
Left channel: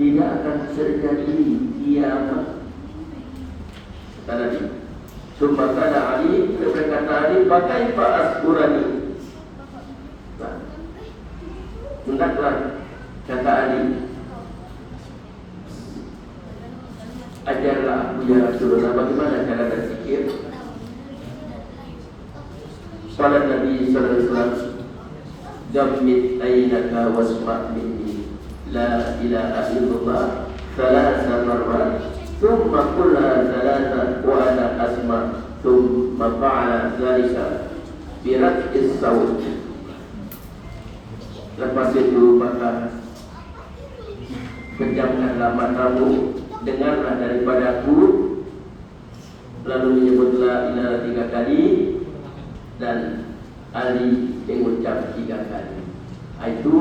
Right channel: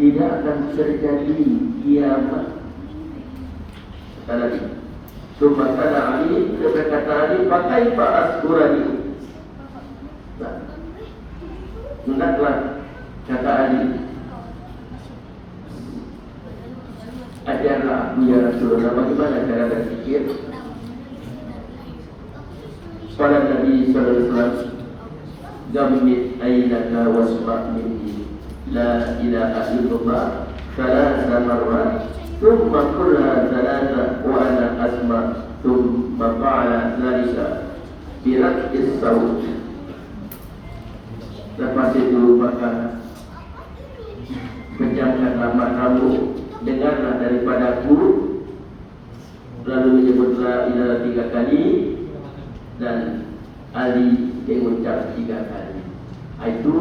tidak akan terjadi kiamat. Tadi, supaya kata Ali, berkata Ali, pakai Pak Asburani. Hendaklah kata Ali, ajarlah aku ya Rasulullah bagaimana cara berpikir. Pada Nabi sallallahu alaihi wasallam, "Gammit aynaka wasma' minni la ilaha illallah thalatha marrat, thumma qulha thalatha wa ana asma', thumma fa'ala dhalika bi raf'is sawt." Lepas itu maka pejamkanlah matamu, dengarlah daripada aku, lalu menyebut la ilaha 3 kali, dan Ali mengucap 3 kali. Itu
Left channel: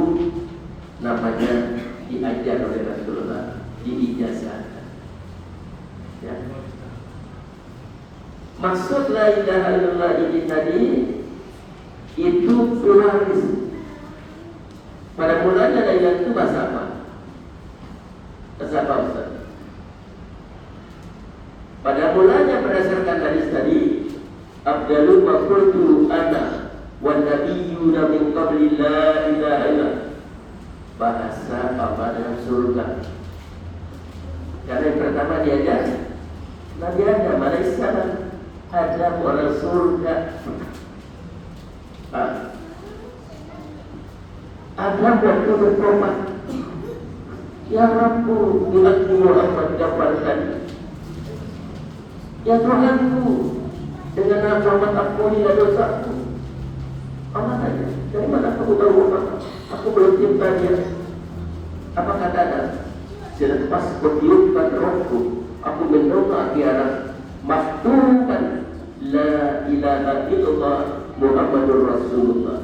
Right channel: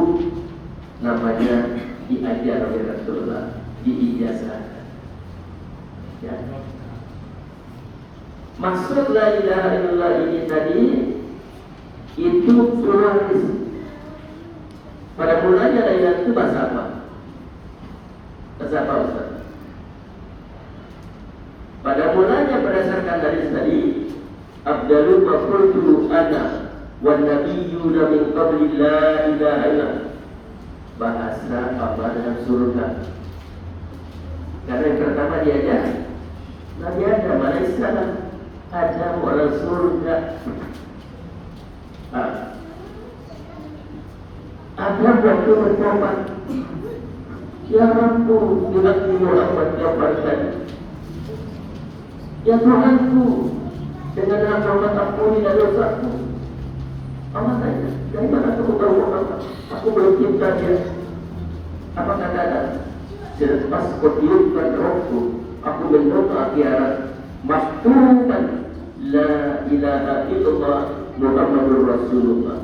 namanya diajar oleh Rasulullah, diijazahkan. Ya. Maksud la ilaha illallah ini tadi itu pluralis. Pada mulanya la ilaha itu bahasa apa? Bahasa apa Ustaz? Pada mulanya berdasarkan hadis tadi, Abdalu wa qultu ana wan nabiyyuna min qabli la ilaha illallah. Bahasa apa dalam surga? Karena yang pertama diajar Nabi Adam alaihissalam, Adam orang surga. Adam waktu bertobat, ya Rabbu, aku Muhammad dapatkan. Ya Tuhanku, dengan rahmat ampunilah dosaku. Allah tanya, dari mana aku tahu Muhammad? Aku belum cinta dia. Apa kata Adam? Selepas kutiupkan rohku, aku mendoa kiamat, maktukan la ilaha illallah Muhammadur Rasulullah.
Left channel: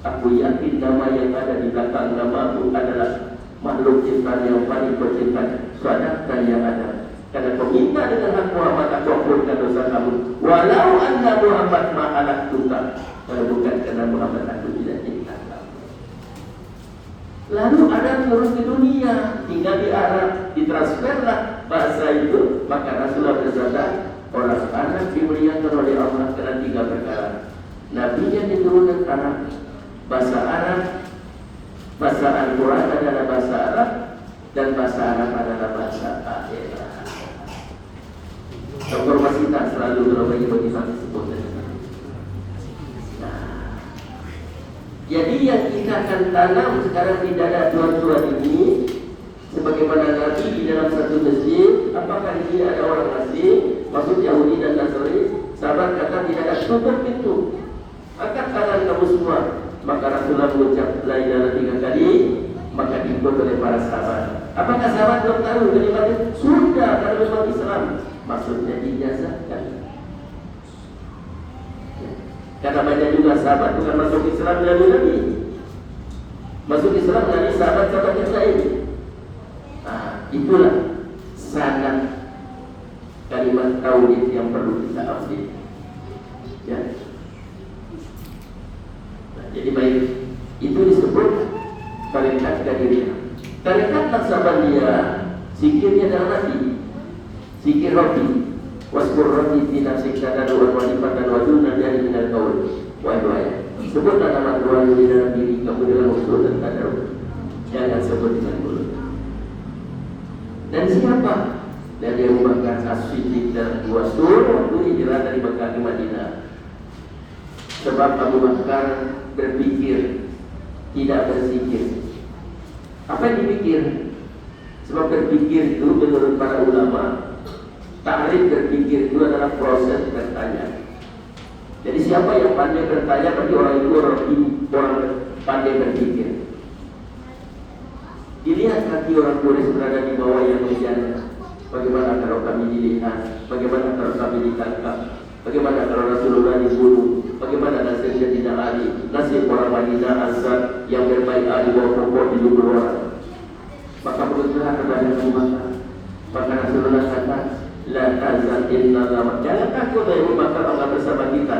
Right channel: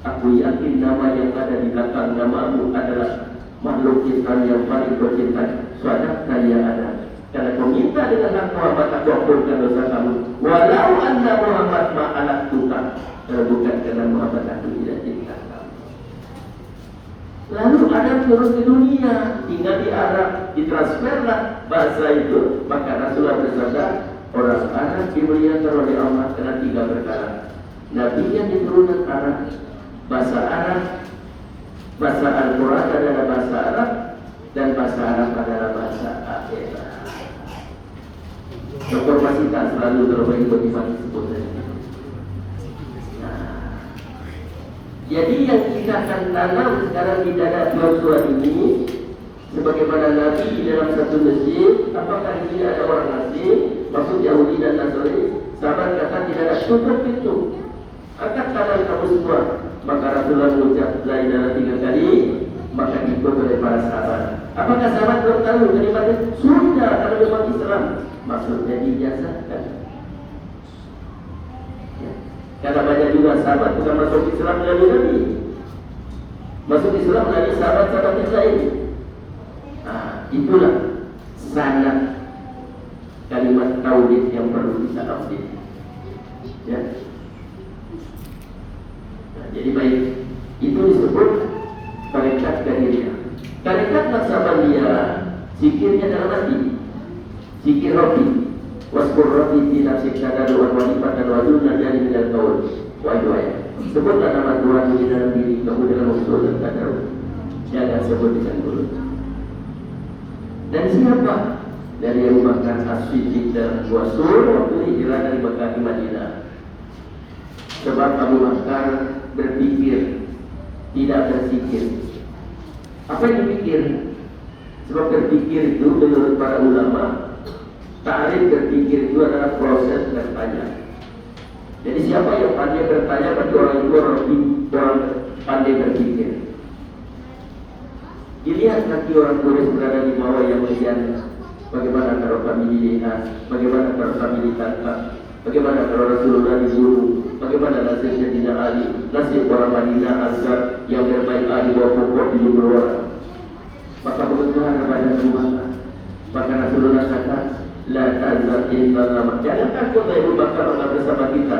Aku yakin nama yang ada di belakang namamu adalah makhluk ciptaan yang paling tercinta. Sadaqta ya Adam. Karena kau minta dengan hak Muhammad, aku ampunkan dosa kamu. Walau anna Muhammad ma'anak tuta, kalau bukan karena Muhammad aku tidak cinta kamu. Lalu Adam turun ke dunia, tinggal di Arab, ditransferlah bahasa itu. Maka Rasulullah bersabda, orang Arab dimuliakan oleh Allah karena 3 perkara. Nabi yang diturunkan Arab, bahasa Arab, bahasa Al-Quran adalah bahasa Arab, dan bahasa Arab adalah bahasa akhirat. Informasi tak selalu terbagi motivasi sebenarnya. Nah, jadi yang kita akan tanam sekarang di dada tuan-tuan ini, sebagaimana Nabi di dalam satu masjid, apakah dia ada orang asing, maksud Yahudi dan Nasrani, sahabat kata tidak ada tutup pintu, angkat tangan kamu semua. Maka Rasulullah mengucap la ilaha 3 kali, maka diikut oleh para sahabat. Apakah sahabat belum tahu dari mana? Sudah, kalau memang Islam, maksudnya dijazahkan. Ya. Karena banyak juga sahabat bukan masuk Islam dari Nabi, masuk Islam dari sahabat-sahabat yang lain. Nah, itulah sanad kalimat tauhid yang perlu kita update. Ya. Jadi baik, itu disebut tarekat Qadiriyah. Tarekat Naqsabandiyah Zikirnya adalah Nabi. Zikir Rabbi. Waskur Rabbi fi nafsika tadarruan wa khifatan wa dunan dari minal qaul wa du'a. Sebutlah nama Tuhan di dalam diri kamu dalam usul dan tadarrus. Jangan sebut dengan mulut. Dan siapa? Dari Abu Bakar As-Siddiq dan Rasul waktu hijrah dari Mekah ke Madinah. Sebab Abu Bakar berpikir, tidak berzikir. Apa yang dipikir? Sebab berpikir itu menurut para ulama, ta'rif berpikir itu adalah proses bertanya. Jadi siapa yang pandai bertanya, bagi orang itu orang pandai berpikir. Dilihat kaki orang tulis berada di bawah yang kemudian bagaimana kalau kami dilihat, bagaimana kalau kami ditangkap, bagaimana kalau Rasulullah dibunuh, bagaimana nasib Sayyidina Ali, nasib orang Madinah Ansar yang berbaik di bawah pokok di luar. Maka kebetulan kepada semua, maka Rasulullah kata, la tazal illallah. Jangan takut dari Abu Bakar bersama kita.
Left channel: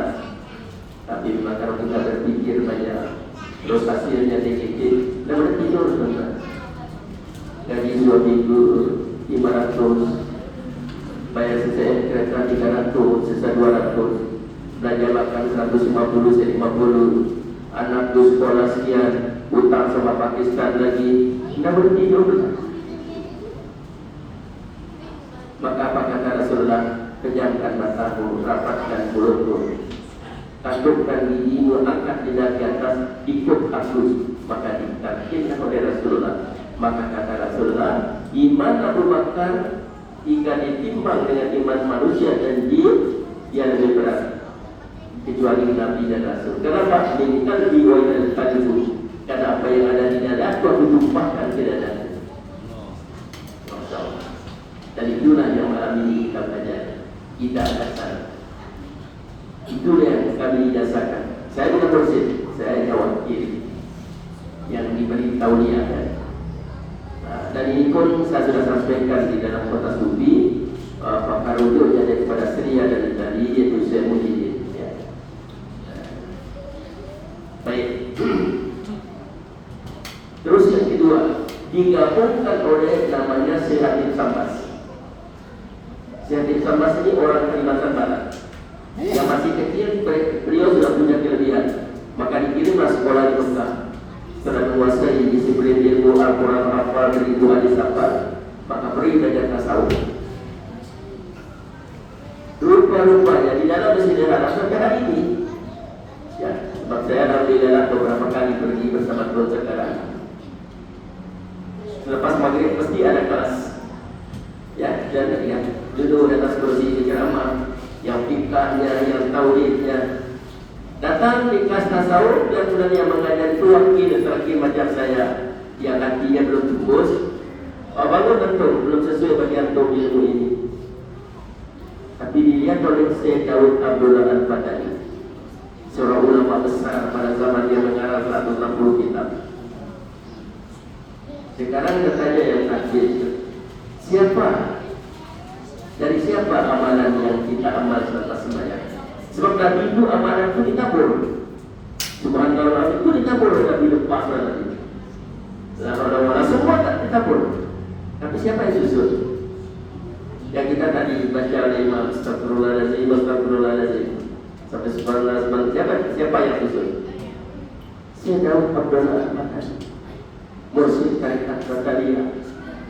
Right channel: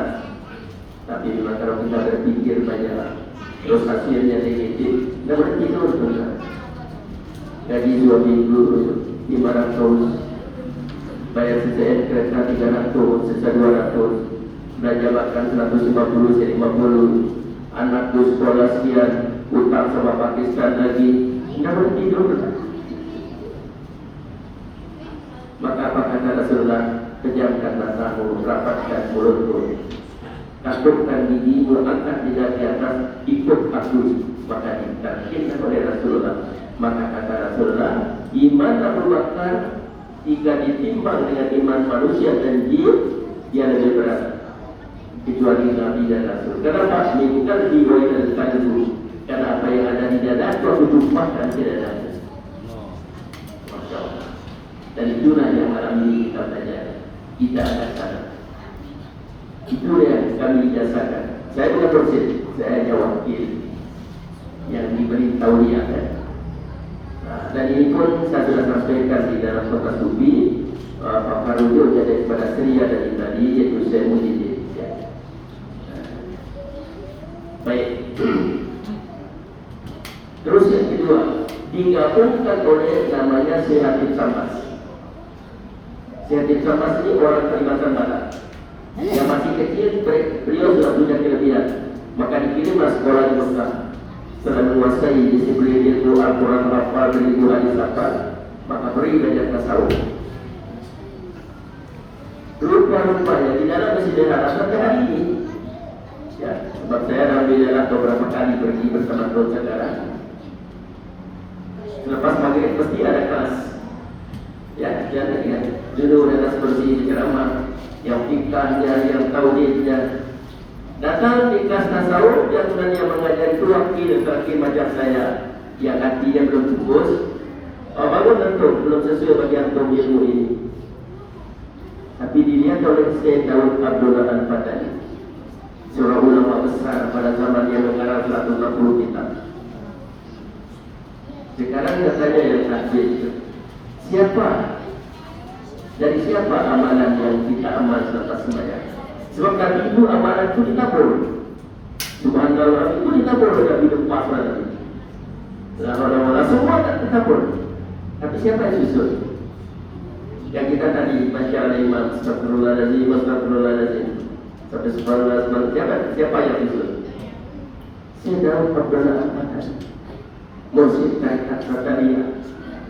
Tapi kalau kita berpikir banyak, terus hasilnya negatif, dan berarti itu benar. Gaji 2 minggu 500, bayar CCN kereta 300, sisa 200, belanja makan 150, jadi 50, anakku sekolah sekian, utang sama Pakistan lagi, tidak boleh tidur. Maka apa kata Rasulullah? Pejamkan matamu, rapatkan mulutmu, takutkan gigimu, angkat lidah ke atas, ikut aku. Maka ditakdirkan oleh Rasulullah. Maka kata Rasulullah, iman Abu Bakar jika ditimbang dengan iman manusia dan jin, dia lebih berat kecuali Nabi dan Rasul. Kenapa? Minta diwai dan kalbu. Karena apa yang ada di dada aku tumpahkan ke dada. Dan itulah yang malam ini kita belajar. Kita ada sana. Itu yang kami jasakan. Saya bukan dosen, saya jawab yang diberitahu dia. Dan ini pun saya sudah sampaikan di dalam kota Sufi. Pak Karudil jadi kepada Seria dari tadi, yaitu saya Muhyiddin. Ya. Baik. Terus yang kedua, digabungkan oleh namanya Sehatin Samas. Sehatin Samas ini orang Kalimantan Barat. Yang masih kecil, beliau sudah punya kelebihan. Maka dikirimlah sekolah di Mekah. Setelah menguasai disiplin ilmu Al-Quran, hafal, beribu hadis hafal, maka beri belajar tasawuf. Rupa-rupanya di dalam masjid Haram sampai hari ini, ya, sebab saya alhamdulillah beberapa kali pergi bersama Tuan sekarang. Selepas maghrib pasti ada kelas, ya, dan ya, dulu ada seperti ini ceramah, yang fikahnya, yang tauhidnya. Datang di kelas tasawuf yang sebenarnya mengajar itu wakil terakhir macam saya yang hatinya belum tembus. Baru tentu belum sesuai bagi antum ilmu ini. Tapi dilihat oleh Syekh Daud Abdullah Al-Fatani, seorang ulama besar pada zaman dia mengarang 160 kitab. Sekarang katanya yang terakhir, siapa? Dari siapa amalan yang kita amal serta sembahyang? Sebab Nabi itu amalan itu ditabur. Subhanallah itu ditabur, tidak dilepas nanti. Lama-lama semua tak ditabur. Tapi siapa yang susun? Yang kita tadi baca oleh Imam Astagfirullahaladzim sampai subhanallah, siapa yang susun? Saya Daud Abdullah Al-Fatani, Mursyid Tarikat Rataliyah.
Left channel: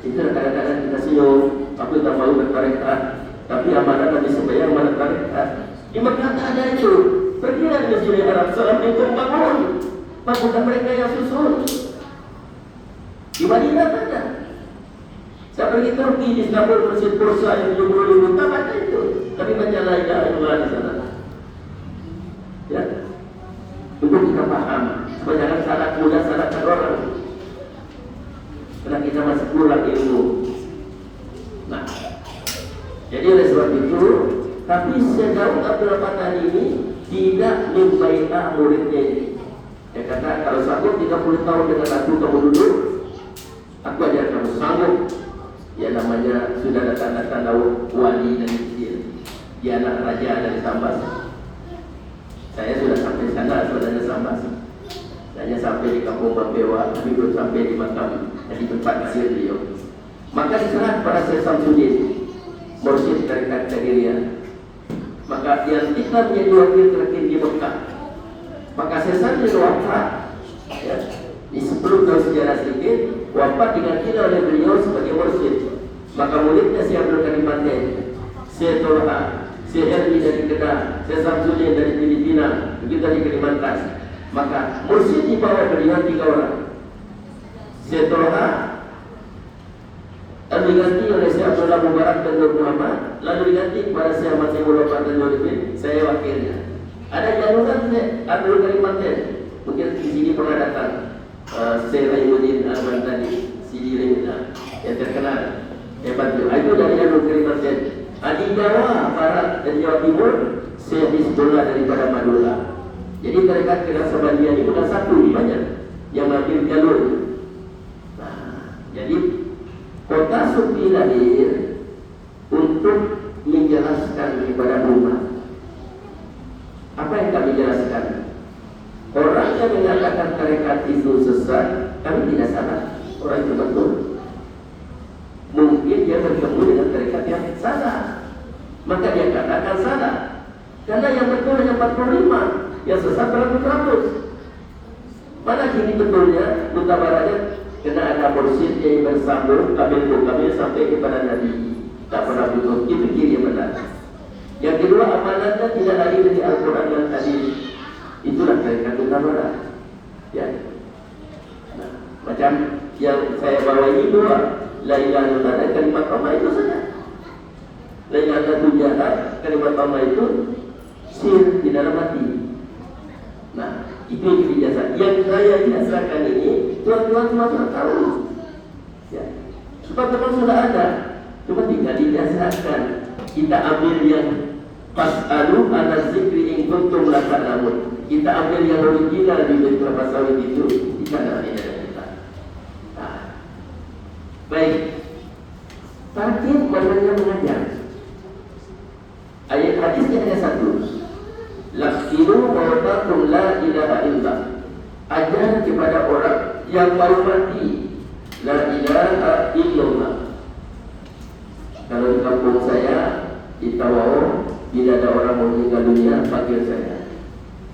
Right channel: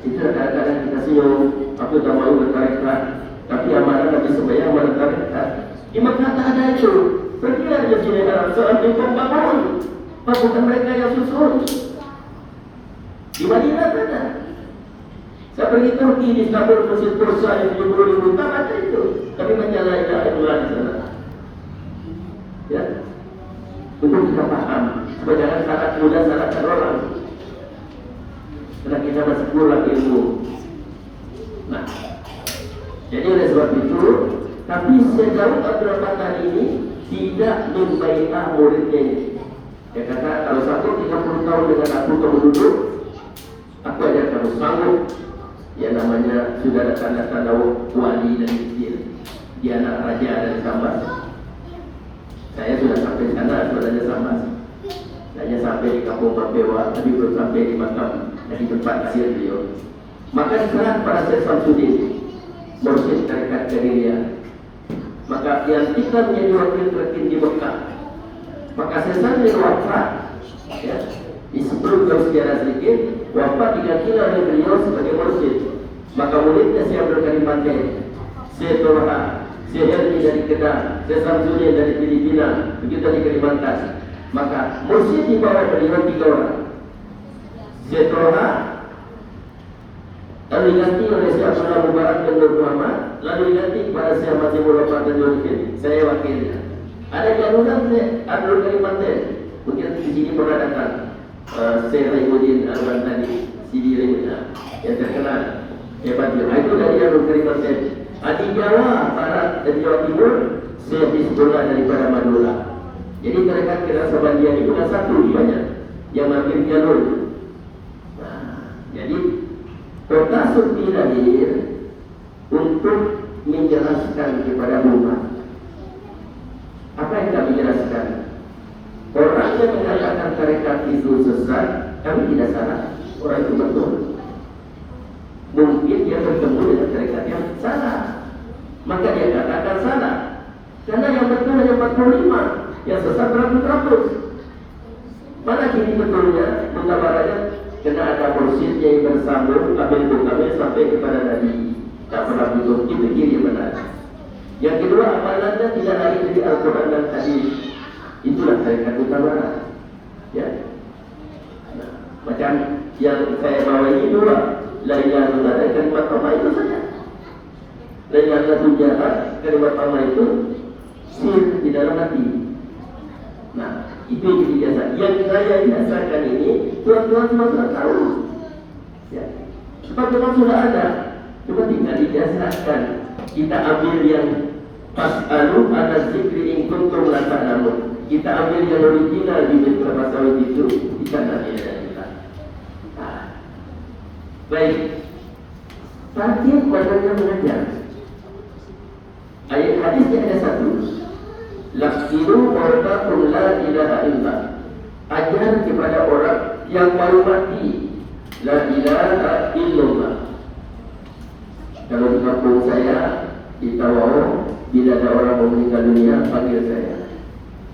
Itu kadang-kadang kita siung, aku tak mau bertarekat, tapi amalan Nabi sembahyang bertarekat. Di Mekah tak ada itu. Pergilah di Masjid Haram, seorang bingung bangun. Bukan mereka yang susun. Di Madinah tak ada. Saya pergi Turki di Istanbul, Masjid Bursa yang 70.000, tak ada itu. Tapi menjalan itulah di sana. Ya, untuk kita paham. Supaya jangan salah mudah salahkan orang. Karena kita masih kurang ilmu. Nah, jadi oleh sebab itu, tapi sejauh Abdul Fatani ini tidak membaikkan muridnya ini. Dia kata, kalau sanggup 30 tahun dengan aku kamu duduk, aku ajar kamu sanggup. Ya namanya sudah ada tanda-tanda wali dan kecil. Dia anak raja dari Sambas. Saya sudah sampai sana sebenarnya Sambas. Saya sampai di kampung Mambewa, tapi belum sampai di makam. Jadi tempat hasil beliau. Maka di sana para Syekh Samsudin, mursyid tarekat Qadiriyah, maka yang kita menjadi wakil tertinggi Mekah. Maka Syekh Samsudin wafat, ya, di sebelum bersejarah sedikit, wafat diganti oleh beliau sebagai mursyid. Maka muridnya Syekh Abdul Karim Manten, Syekh Toha, Syekh Helmi dari Kedah, Syekh Samsudin dari Filipina, begitu di Kalimantan. Maka mursyid di bawah beliau 3 orang. Syekh Toha lalu diganti oleh Syekh Abdullah Mubarak dan Nur Muhammad, lalu diganti kepada Syekh Masihul Wafat dan Nur Bin. Saya wakilnya. Ada jaluran Syekh Abdul Karim Manten, mungkin di sini pernah datang. Syekh Raimuddin Al-Bantani, Sidi Rimina, yang terkenal. Hebatnya, itu dari Abdul Karim Manten. Di Jawa Barat dan Jawa Timur, Syekh Hizbullah dari Karamadura. Jadi mereka kira Sabandia itu sudah satu banyak yang ngambil jalur. Nah, jadi Kota Sufi lahir untuk menjelaskan kepada umat. Apa yang kami jelaskan? Orang yang mengatakan tarekat itu sesat, kami tidak salah. Orang itu betul. Mungkin dia bertemu dengan tarekat yang salah, maka dia katakan salah. Karena yang betul hanya 45, yang sesat 100. Mana kini betulnya, mutabaranya? Kena ada mursyid yang bersambung kabel sampai kepada Nabi. Tak pernah putus, dia fikir yang benar. Yang kedua, amalannya tidak lari dari Al-Quran dan Hadis. Itulah tarekat utama. Ya. Nah, macam yang saya bawa ini dua, la ilaha illallah dan kalimat tauhid itu saja. La ilaha illallah, kalimat tauhid itu sir di dalam hati. Nah, itu yang biasa. Yang saya biasakan ini, tuan-tuan sudah tahu. Ya. Sebab memang sudah ada. Cuma tinggal dibiasakan. Kita ambil yang fas'alu ala zikri in kuntum la ta'lamun. Kita ambil yang original di beberapa sawit itu. Kita ada kita. Nah. Baik. Tartib badannya mengajar. Ayat hadisnya ada satu. Lakiru wartakum la ilaha illallah. Ajar kepada orang yang baru mati, la ilaha illallah. Kalau di kampung saya di Tawau, bila ada orang mau meninggal dunia, panggil saya.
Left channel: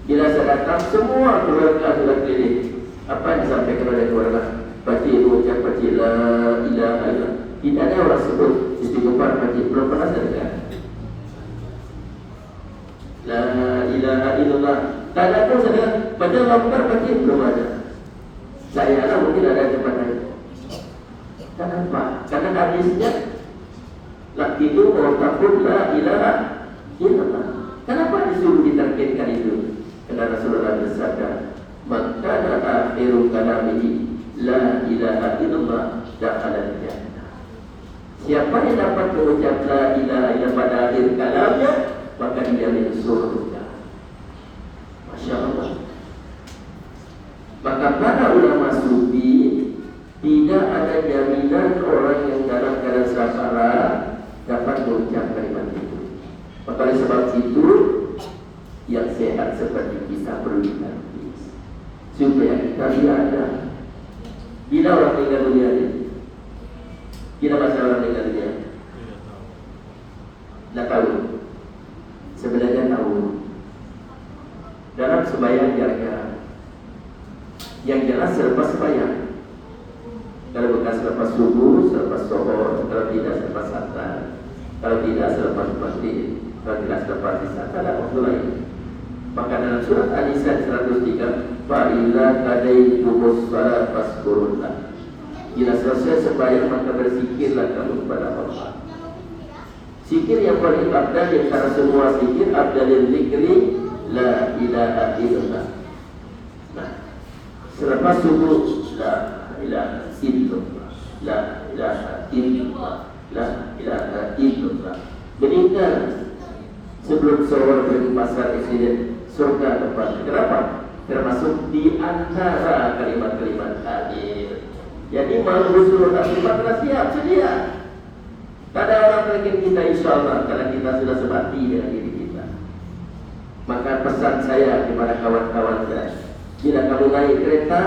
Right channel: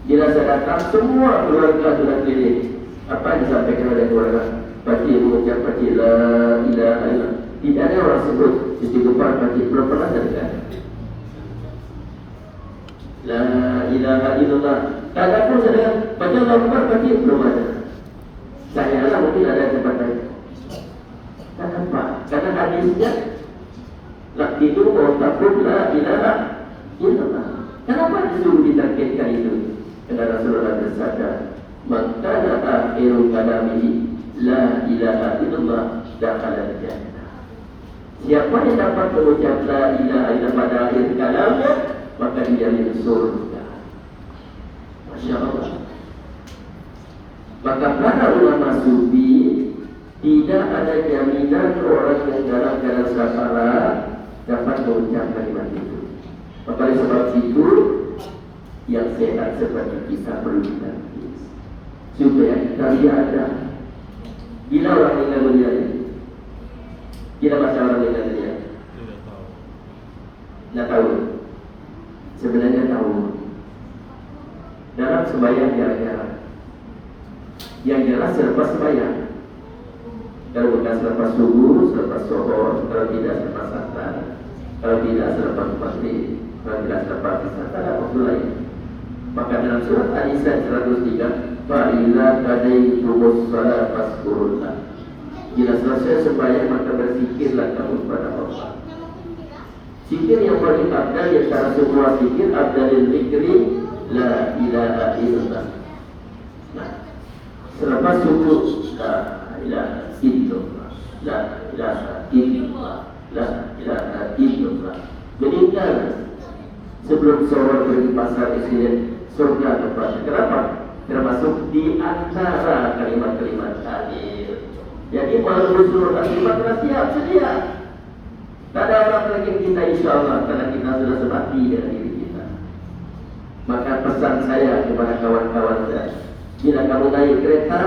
Bila saya datang, semua keluarga sudah keliling. Apa yang disampaikan oleh keluarga? Bagi mengucap bagi la ilaha illallah. Tidak ada orang sebut istighfar bagi, belum pernah saya dengar. La ilaha illallah. Tak ada pun saya baca lambar bagi, belum ada. Saya lah mungkin ada di tempat lain. Kenapa? Karena hadisnya lakidu wartakum la ilaha illallah. Kenapa disuruh ditargetkan itu? Karena Rasulullah bersabda, maka akhirul kalamihi la ilaha illallah dakhala jannah. Siapa yang dapat mengucap la ilaha illallah pada akhir kalamnya, maka dia masuk surga. Masya Allah. Maka para ulama sufi tidak ada jaminan orang yang dalam keadaan sasaran dapat mengucap kalimat itu. Maka oleh sebab itu yang sehat seperti kita perlu dilatih supaya kami ada. Bila orang meninggal dunia ini, bila masalah meninggal dunia, nak tahu? Sebenarnya tahu. Dalam sembahyang jarang-jarang. Yang jelas selepas sembahyang. Kalau bukan selepas subuh, selepas zuhur, kalau tidak selepas asar, kalau tidak selepas maghrib, kalau tidak selepas isya, tak ada waktu lain. Maka dalam surat An-Nisa 103, fa'ila kadaikumuz salat faskurullah. Bila selesai sembahyang maka berzikirlah kamu kepada Allah. Zikir yang paling abdal di antara semua zikir, abdalil zikri la ilaha illallah. Nah, selepas subuh la ilaha illallah, la ilaha illallah, la ilaha illallah. Meninggal sebelum seorang pergi pasar insiden surga kepada. Kenapa? Termasuk di antara kalimat-kalimat akhir. Jadi kalau Rasulullah kalimat siap sedia. Tak ada orang terkait kita insya Allah, karena kita sudah semati dengan diri kita. Maka pesan saya kepada kawan-kawan saya, bila kamu naik kereta,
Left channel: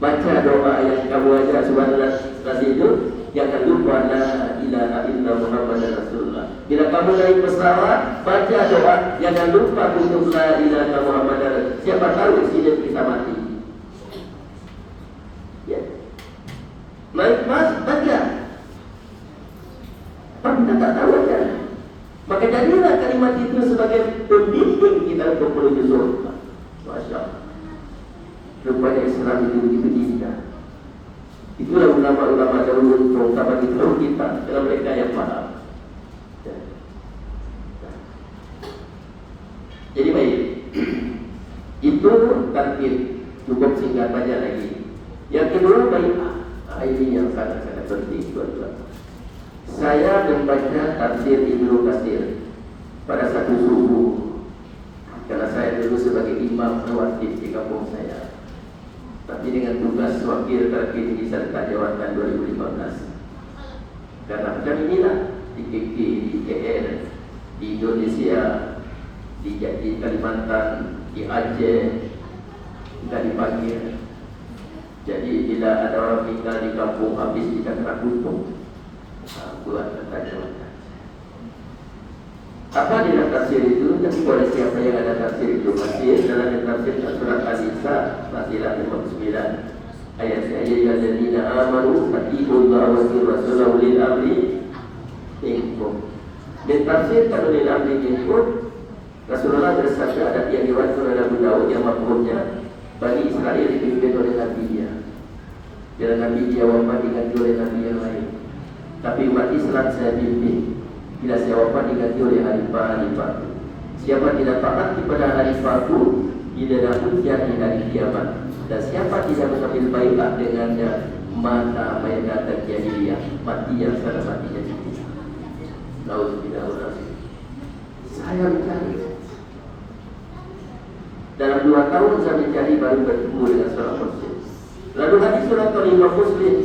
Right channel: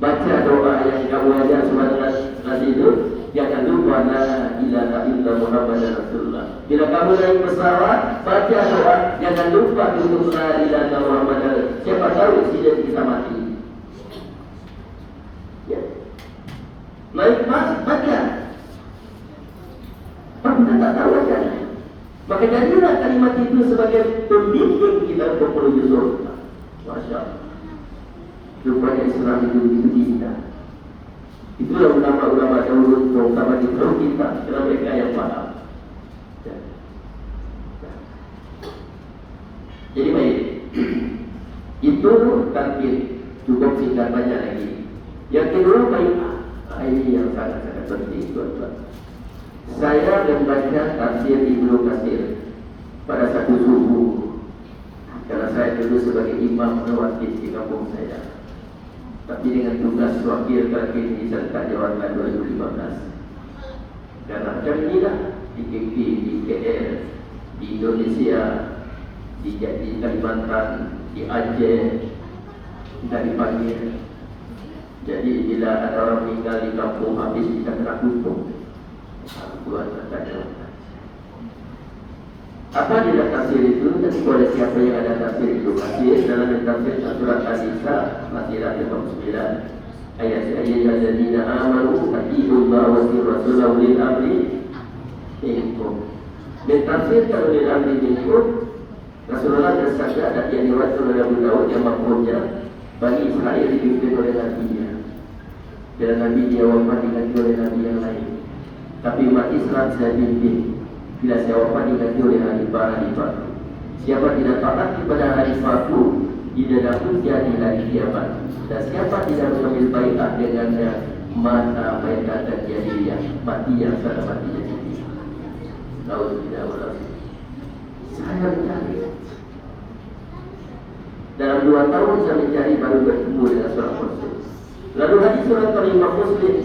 baca doa yang kamu ajar 19 itu, jangan lupa la ilaha illa Muhammadar Rasulullah. Bila kamu naik pesawat, baca doa, jangan lupa untuk la ilaha Muhammadar. Siapa tahu insiden kita mati. Ya. Naik mas, baca. Tapi kita tak tahu kan. Maka jadilah kalimat itu sebagai pembimbing kita untuk menuju surga. Masya Allah. Rupanya Islam itu begitu indah. Itulah ulama-ulama dahulu, terutama di tahun kita, adalah mereka yang paham. Jadi baik, itu takbir, cukup singkat banyak lagi. Yang kedua baik, ini yang sangat-sangat penting buat saya membaca tafsir Ibnu Katsir pada satu subuh, karena saya dulu sebagai imam wajib di kampung saya. Tapi dengan tugas wakil terkini di Serta Jawa Tengah 2015. Karena macam inilah di KK, di KL, di Indonesia, di Kalimantan, di Aceh, kita dipanggil. Jadi bila ada orang tinggal di kampung habis kita kena hukum. Tuhan kata Jawa Tengah. Apa di dalam tafsir itu? Tapi oleh siapa yang ada tafsir itu? Tafsir dalam tafsir surat Al-Nisa Nasirat 9 ayat alladzina amanu atiiullaha wa rasulahu lil amri minkum. Dan tafsir ulil amri minkum, Rasulullah bersabda, dan yang diriwayatkan oleh Abu Daud yang makhumnya, bagi Israel dipimpin oleh nabinya. Bila nabi dia wafat diganti oleh nabi yang lain. Tapi umat Islam saya pimpin. Bila saya wafat diganti oleh halifah. Siapa tidak taat kepada halifahku, tidak dapat jadi dari kiamat. Dan siapa tidak mengambil baiat dengannya, maka baiat terjadi dia mati yang sangat mati jadi dia. Alhamdulillah. Saya mencari. Dalam 2 tahun saya mencari baru bertemu dengan seorang muslim. Lalu hadis surat kelima Muslim,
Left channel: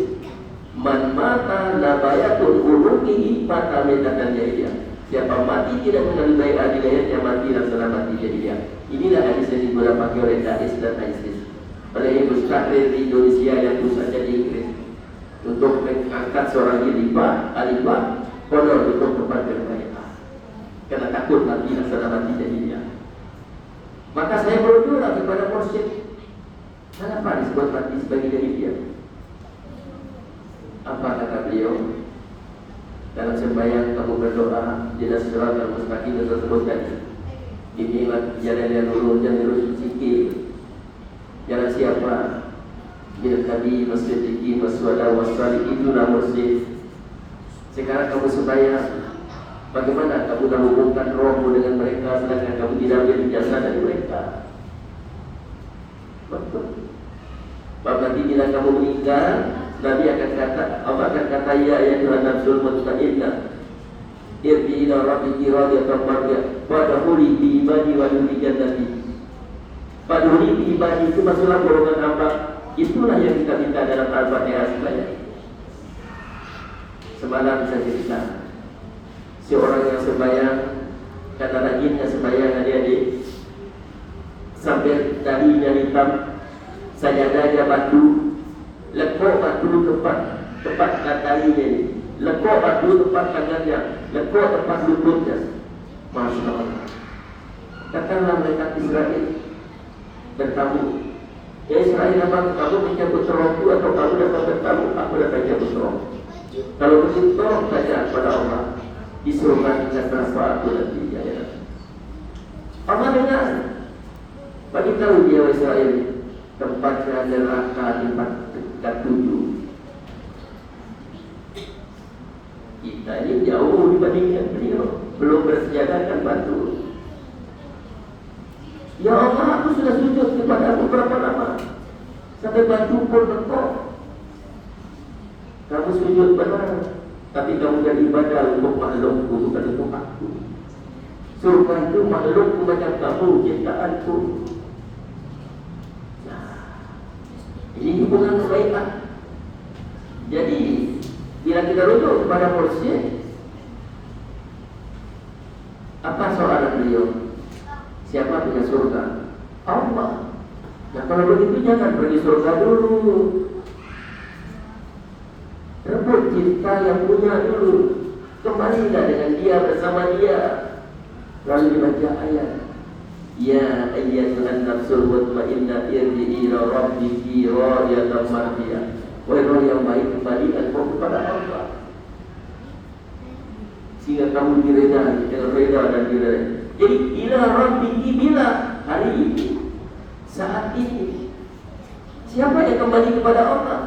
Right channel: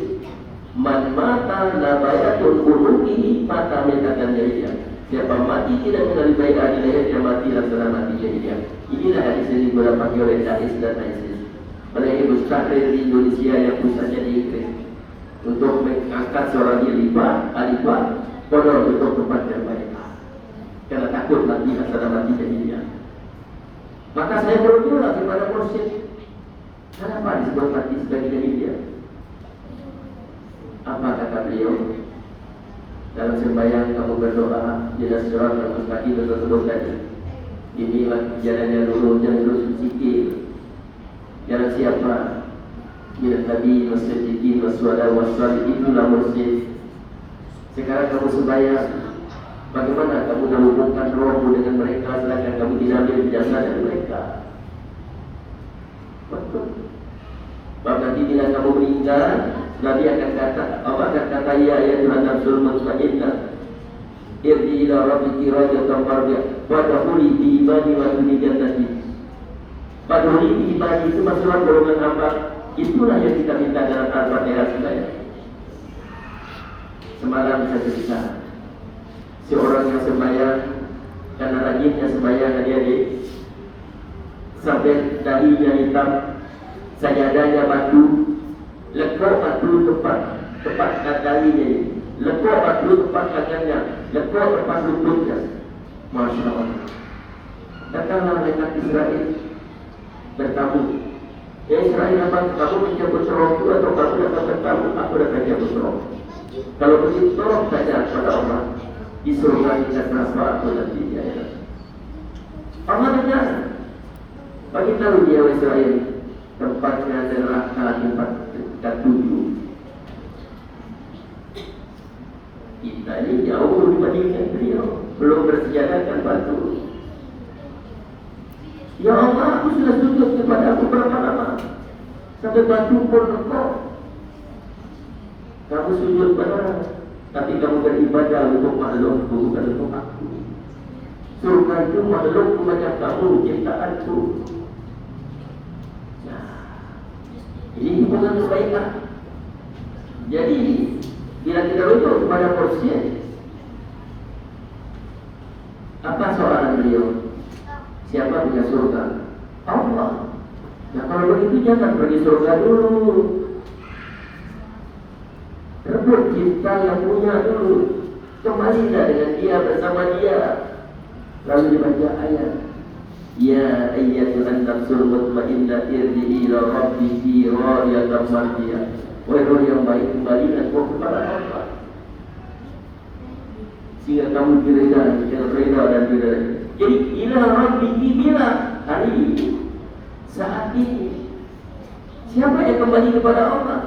man mata la bayatul qulubi mata metatan jahiliyah. Siapa mati tidak mengambil baiat di lehernya, mati laksana mati jahiliyah. Inilah hadis yang dipakai oleh Daesh dan ISIS. Mereka ilustrasi di Indonesia yang pusatnya di Inggris untuk mengangkat seorang alifah honor untuk tempat yang baik. Karena takut mati laksana mati jahiliyah. Maka saya berdoa kepada mursyid, kenapa disebut mati sebagai jahiliyah? Apa kata beliau? Dalam sembahyang kamu berdoa, jelas surah al-mustaqim betul tadi. Inilah jalan yang lurus dan lurus sikit. Jalan siapa? Bila tadi masjid waswada wasali itulah mursyid. Sekarang kamu sembahyang, bagaimana kamu menghubungkan rohmu dengan mereka sedangkan kamu tidak ambil jasa dari mereka? Sebab nanti bila kamu meninggal, Nabi akan kata, Allah akan kata, ya Tuhan nafsul mutmainnah, irji ila rabbiki radiyatan mardiyah, wadkhuli bi ibadi wa dkhuli jannati. Wadkhuli bi ibadi itu maksudnya golongan apa? Itulah yang kita minta dalam Al-Fatihah sebanyak. Semalam bisa cerita seorang yang sembahyang karena rajinnya sembahyang adik-adik sampai dahinya hitam, sajadahnya batu, lekuk batu tepat dahinya, lekuk batu tepat tangannya, lekuk tepat lututnya. Masya Allah. Datanglah mereka Israel bertamu. Israel datang, kamu mencabut rohku atau kamu datang bertamu? Aku datang cabut roh. Kalau begitu saja pada Allah, disuruhkan tidak terasa aku nanti ya. Allah dengar. Bagi tahu dia Israel tempatnya neraka tempat 7. Kita ini jauh dibandingkan beliau, belum bersejarahkan batu. Ya Allah, aku sudah sujud kepada aku berapa lama sampai batu pun lekuk. Kamu sujud benar, tapi kamu beribadah untuk makhlukku, bukan untuk aku. Surga itu makhlukku macam kamu, ciptaanku. Nah, ini hubungan kebaikan. Jadi, bila kita rujuk kepada mursyid, apa soalan beliau? Siapa punya surga? Allah. Nah kalau begitu jangan pergi surga dulu. Rebut pencipta yang punya dulu. Kembalilah dengan dia, bersama dia. Lalu dibaca ayat, ya ayyatuhan nafsul mutmainnah irji'i ila rabbiki radiyatan mardiyah. Wahai roh yang baik, kembalilah kau kepada Allah, sehingga kamu direda dan direda. Jadi ila rabbiki, bila hari ini, saat ini. Siapa yang kembali kepada Allah?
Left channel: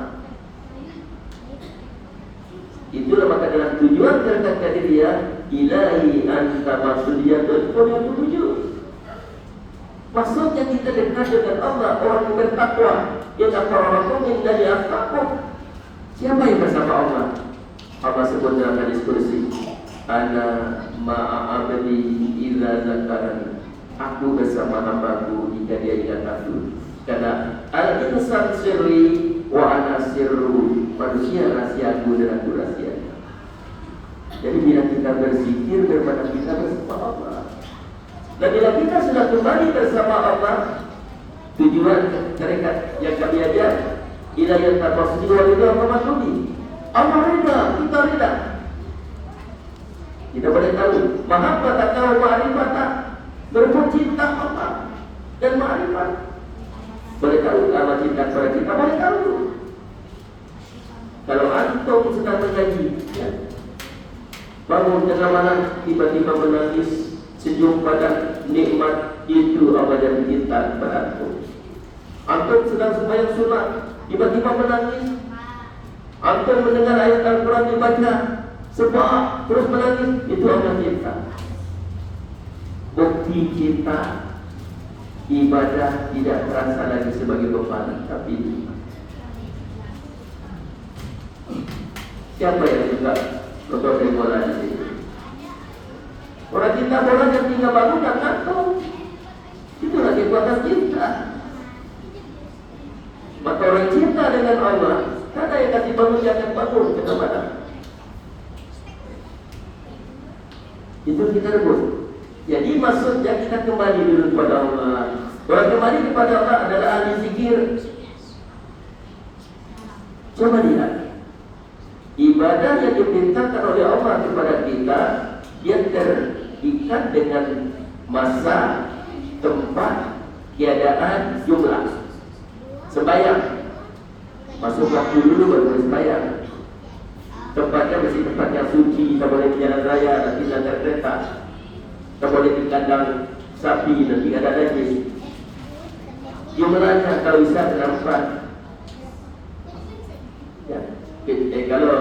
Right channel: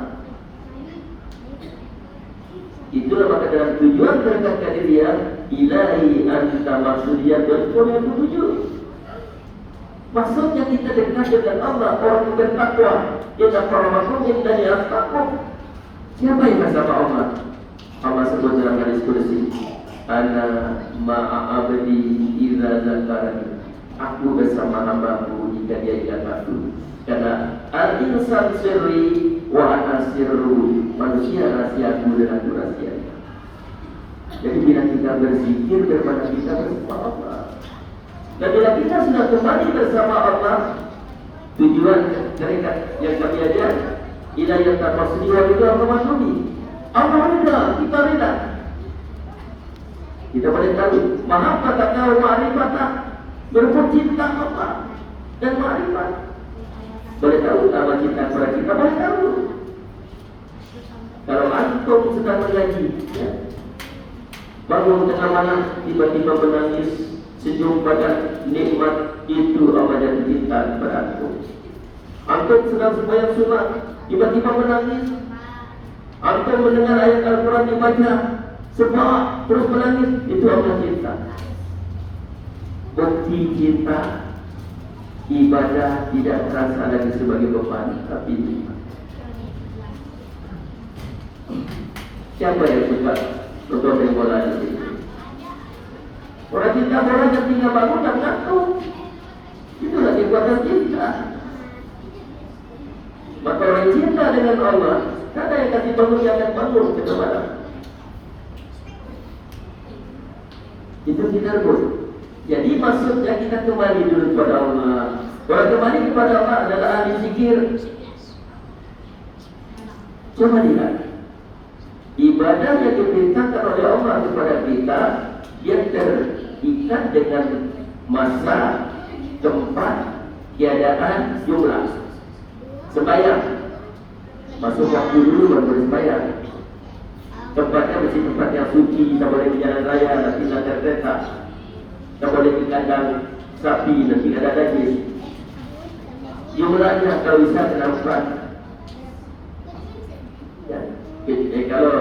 Itulah maka dalam tujuan terdekat dia, ilahi anta maksudiyah dan kau yang tujuh. Maksudnya kita dekat dengan Allah, orang yang bertakwa, yang akramakum indallahi atqakum. Siapa yang bersama Allah? Allah sebut dalam hadis kursi, ana ma'a abdi idza zakarani. Aku bersama hambaku jika dia ingat aku. Karena al-insan sirri wa ana sirru. Manusia rahasiaku dan aku rahasia. Jadi bila kita berzikir kepada kita bersama Allah, dan bila kita sudah kembali bersama Allah, tujuan mereka yang kami ajar, ila yang tafsir itu apa maksudnya? Allah rida, kita rida. Kita boleh tahu mahabbah atau ma'rifah, berbuat cinta Allah dan ma'rifah. Boleh tahu kalau cinta kepada kita, boleh tahu. Kalau antum sedang mengaji, bangun tengah malam tiba-tiba menangis, senyum pada nikmat itu apa yang cinta kepada antum. Antum sedang sembahyang sunat, tiba-tiba menangis. Antum mendengar ayat Al-Quran dibaca, sebab terus menangis, itu apa cinta. Bukti cinta, ibadah tidak terasa lagi sebagai beban, tapi siapa yang suka nonton bola di sini? Orang cinta bola yang tinggal bangun dan ngantuk. Itulah kekuatan cinta. Maka orang cinta dengan Allah, tak ada yang kasih bangun, dia akan bangun kepada. Itu kita pun. Jadi maksudnya kita kembali dulu kepada Allah. Orang kembali kepada Allah adalah ahli zikir. Coba lihat, ibadah yang diperintahkan oleh Allah kepada kita, dia terikat dengan masa, tempat, keadaan, jumlah. Sembahyang, masuk waktu dulu baru bersembahyang. Tempatnya mesti tempat yang suci, tak boleh di jalan raya, nanti lancar kereta, tak boleh di kandang sapi, nanti ada lagi. Jumlahnya kalau bisa berapa? Ya. Kalau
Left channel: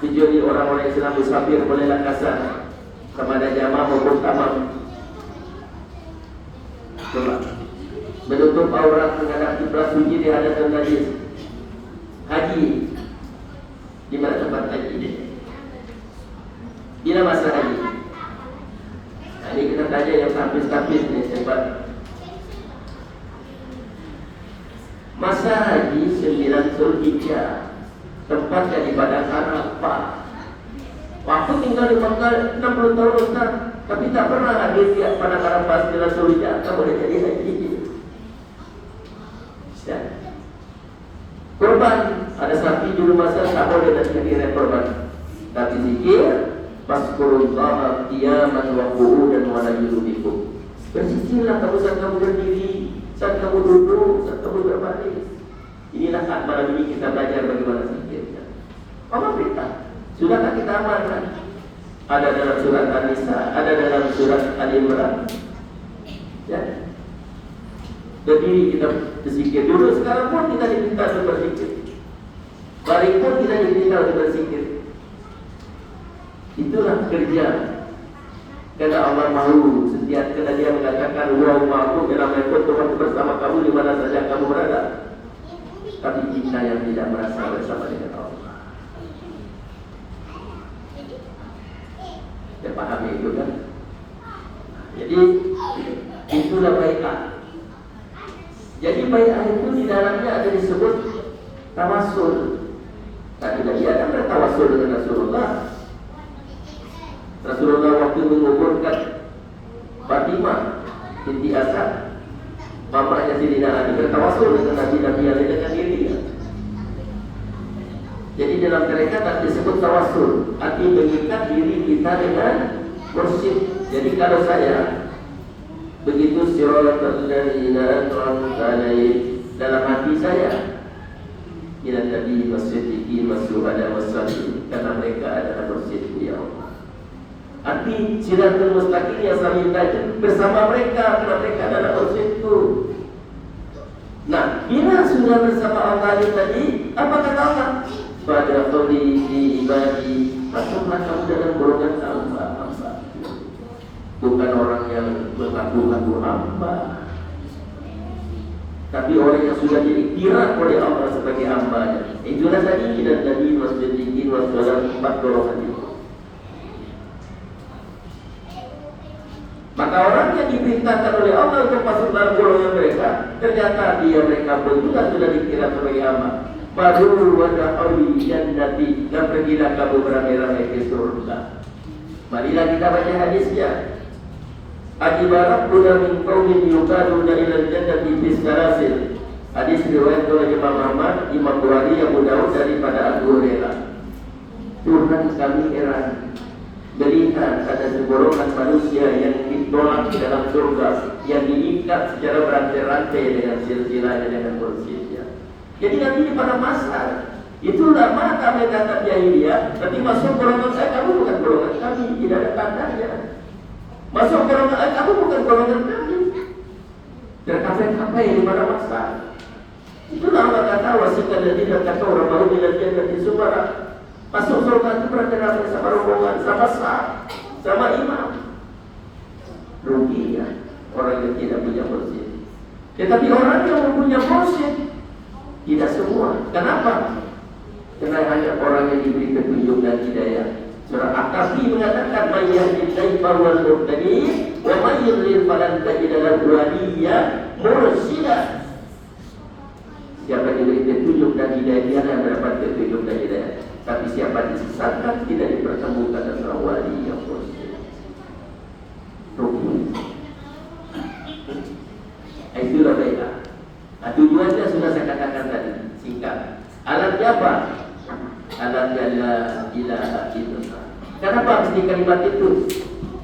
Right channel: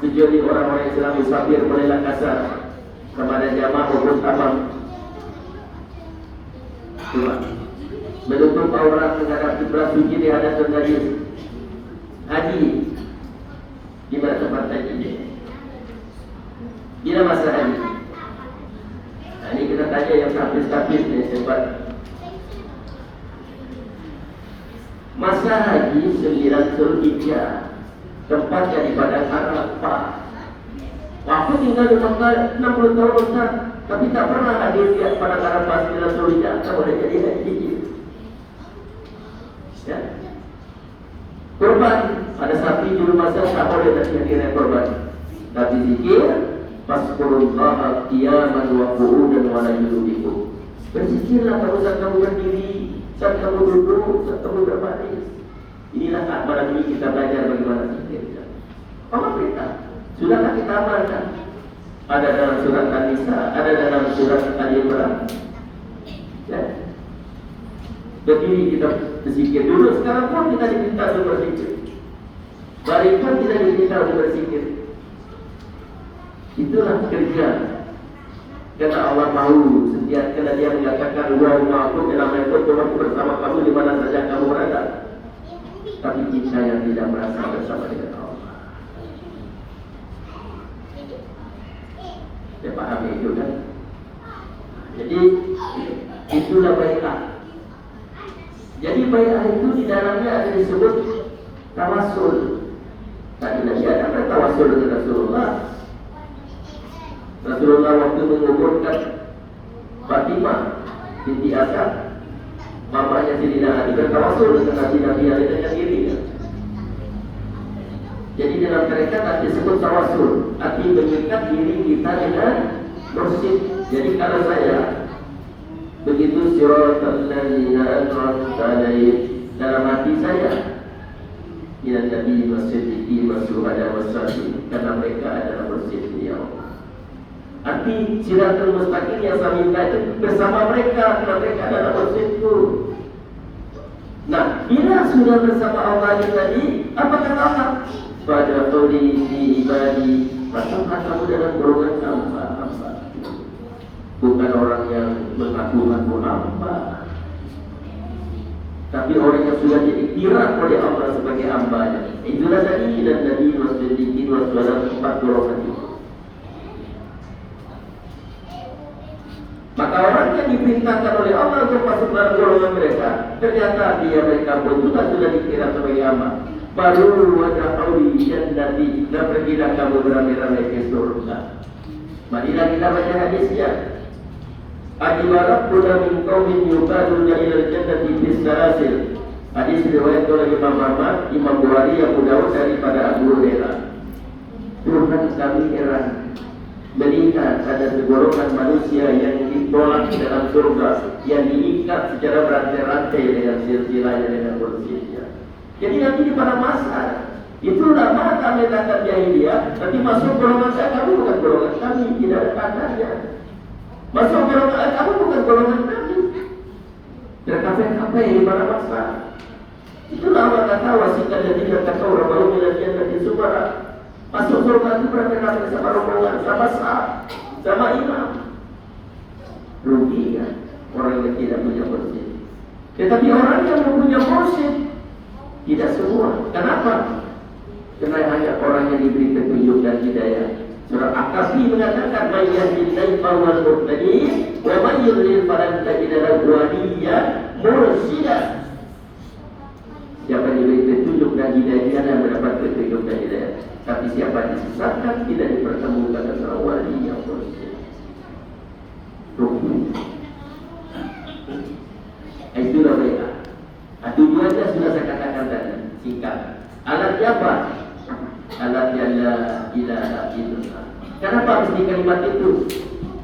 kecuali orang-orang yang sedang musafir bolehlah kasar kepada jamaah maupun taman. Menutup aurat menghadap kiblat suci di hadapan najis. Haji, di mana tempat haji ini? Bila masa haji? Nah, ini kita tanya yang kapis-kapis ni sebab masa haji 9 Zulhijjah. Tempatnya di Padang Arafah. Aku tinggal di Mekah 60 tahun Ustaz, tapi tak pernah hadir di Padang Arafah 9 Zulhijjah. Tak boleh jadi haji. Ya. Korban, ada sapi di rumah saya, tak boleh nanti kira korban. Tapi zikir, Faskurullah qiyaman wa qu'udan wa la yubikum. Berzikirlah kamu saat kamu berdiri, saat kamu duduk, saat kamu berbaring. Inilah saat malam ini kita belajar bagaimana zikir. Apa perintah? Sudahkah kita amalkan? Ada dalam surat An-Nisa, ada dalam surat Al-Imran. Ya. Berdiri kita berzikir dulu. Sekarang pun kita diminta untuk berzikir. Baring pun kita diminta untuk berzikir. Itulah kerja. Karena Allah mahu setiap kali Dia mengatakan, wa ma'akum ilamaykum, Tuhan bersama kamu di mana saja kamu berada. Tapi kita yang tidak merasa bersama dengan Allah. Dia paham itu kan? Jadi itulah baiklah. Jadi baiklah itu di dalamnya ada disebut tawasul. Tadi Nabi ada bertawasul dengan Rasulullah. Rasulullah waktu menguburkan Fatimah binti Asad, mamanya Sayyidina Ali, bertawasul dengan Nabi yang dengan dirinya. Jadi dalam tarekat disebut tawassul, arti mengikat diri kita dengan mursyid. Jadi kalau saya begitu siratal ladzina an'amta alaihim dalam hati saya, ila nabi wasiddiqin wasyuhada wassalihin, karena mereka adalah mursyid beliau. Arti siratal mustaqim yang saya minta bersama mereka, karena mereka adalah mursyidku. Nah, bila sudah bersama Allah tadi, apa kata Allah? Pada kodi di ibadi, masuklah kamu dalam golongan hamba. Bukan orang yang mengaku-ngaku hamba, tapi orang yang sudah jadi kira oleh Allah sebagai hambanya. Itulah tadi dan tadi wasdiqin wassalam, 4 golongan itu. Maka orang yang diperintahkan oleh Allah untuk masuk dalam golongan mereka, ternyata mereka pun juga sudah dikira sebagai hamba. Baru wada'u jannati, dan pergilah kamu beramai-ramai ke surga. Marilah kita baca hadisnya. Ajibarat kuda min qawmin yukaduna ilal jannati bisarasil. Hadis riwayat oleh Imam Ahmad, Imam Bukhari, Abu Dawud daripada Abu Hurairah. Tuhan kami heran melihat ada segolongan manusia yang ditolak dalam surga, yang diikat secara berantai-rantai dengan silsilahnya, dengan kursinya. Jadi nanti di pada masa itulah mana kami kata jahiliyah, nanti masuk golongan saya, kamu bukan golongan kami, tidak ada tandanya. Masuk golongan kamu bukan golongan kami. Terkafe-kafe di pada masa. Itulah Allah kata wasikan dan tidak kata orang mau dilakukan dan semua masuk surga itu berkenaan sama rombongan, sama imam. Ruginya orang yang tidak punya mursyid. Tetapi orang yang mempunyai mursyid tidak semua. Kenapa? Karena hanya orang yang diberi petunjuk dan hidayah. Surah Al-Kahfi mengatakan man yahdihillahu fahuwal muhtadi wa man yudlil falan tajida lahu waliyyan mursyida. Siapa diberi petunjuk dan hidayah, dia akan mendapat petunjuk dan hidayah. Tapi siapa disesatkan tidak dipertemukan dengan wali yang mursyid. Itulah mereka. Nah, tujuannya sudah saya katakan tadi, singkat. Alatnya apa? Alatnya la ilaha illallah. Kenapa mesti kalimat itu?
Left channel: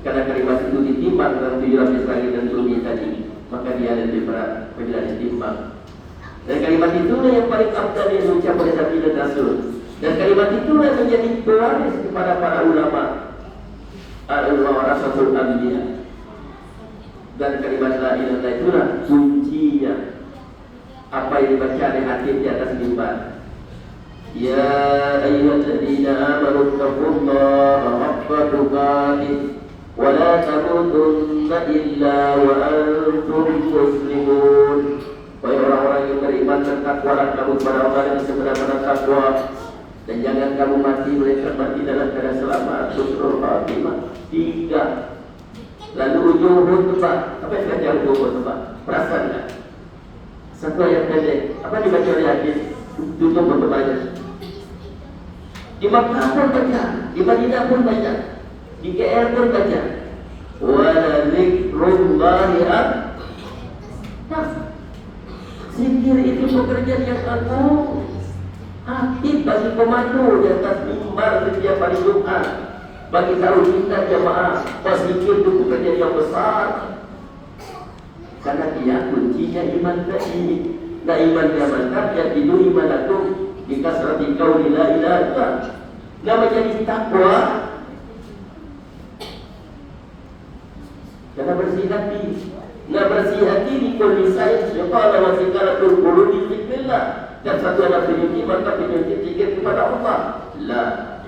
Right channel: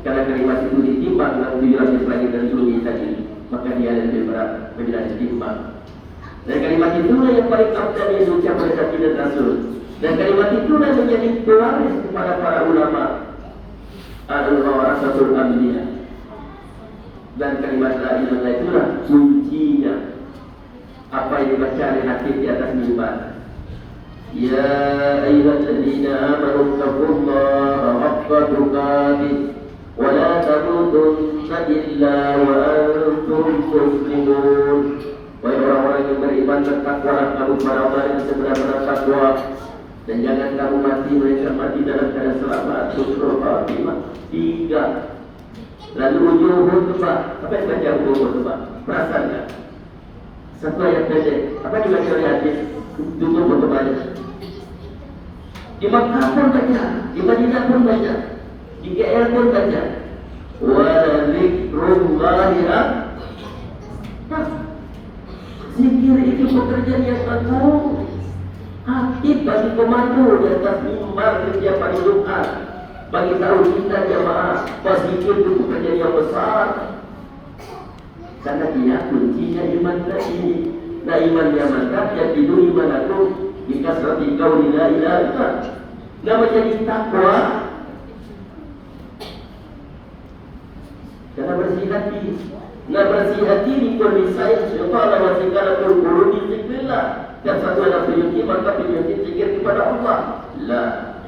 Karena kalimat itu ditimbang dalam 7 lapis langit dan bumi tadi, maka dia lebih berat bila ditimbang. Dan kalimat itulah yang paling abad yang diucap oleh Nabi dan Rasul. Dan kalimat itulah menjadi pewaris kepada para ulama, al-warasatul anbiya. Dan kalimat la ilaha illallah itulah kuncinya. Apa yang dibaca di hati di atas mimbar. Ya ayyuhalladzina amanu taqullaha haqqa tuqatih wa la tamutunna illa wa antum muslimun. Wahai orang-orang yang beriman, bertakwalah kamu para orang yang segera bertakwa, dan jangan kamu mati mereka mati dalam keadaan selamat. Surah Al-Fatihah 3. Lalu ujung khutbah. Apa yang baca ujung khutbah? Perasaan tak? Satu ayat pendek. Apa dibaca oleh hadis? Tutup khutbahnya. Di Makkah pun baca, di Madinah pun baca, di KL pun baca. Wa dzikrullahi akbar. Zikir itu pekerjaan yang agung, aktif bagi komando di atas mimbar setiap hari Jumat. Bagi tahu kita jamaah, zikir itu pekerjaan yang besar. Karena dia kuncinya iman tadi. Nah, iman yang mantap yang tidur iman aku dikasrati kau la ilaha illallah. Nah, menjadi takwa karena bersih hati. Nah, bersih hati di kondisi supaya masih kala berbulu di zikrillah. Dan satu anak penyuci maka penyuci zikir kepada Allah. La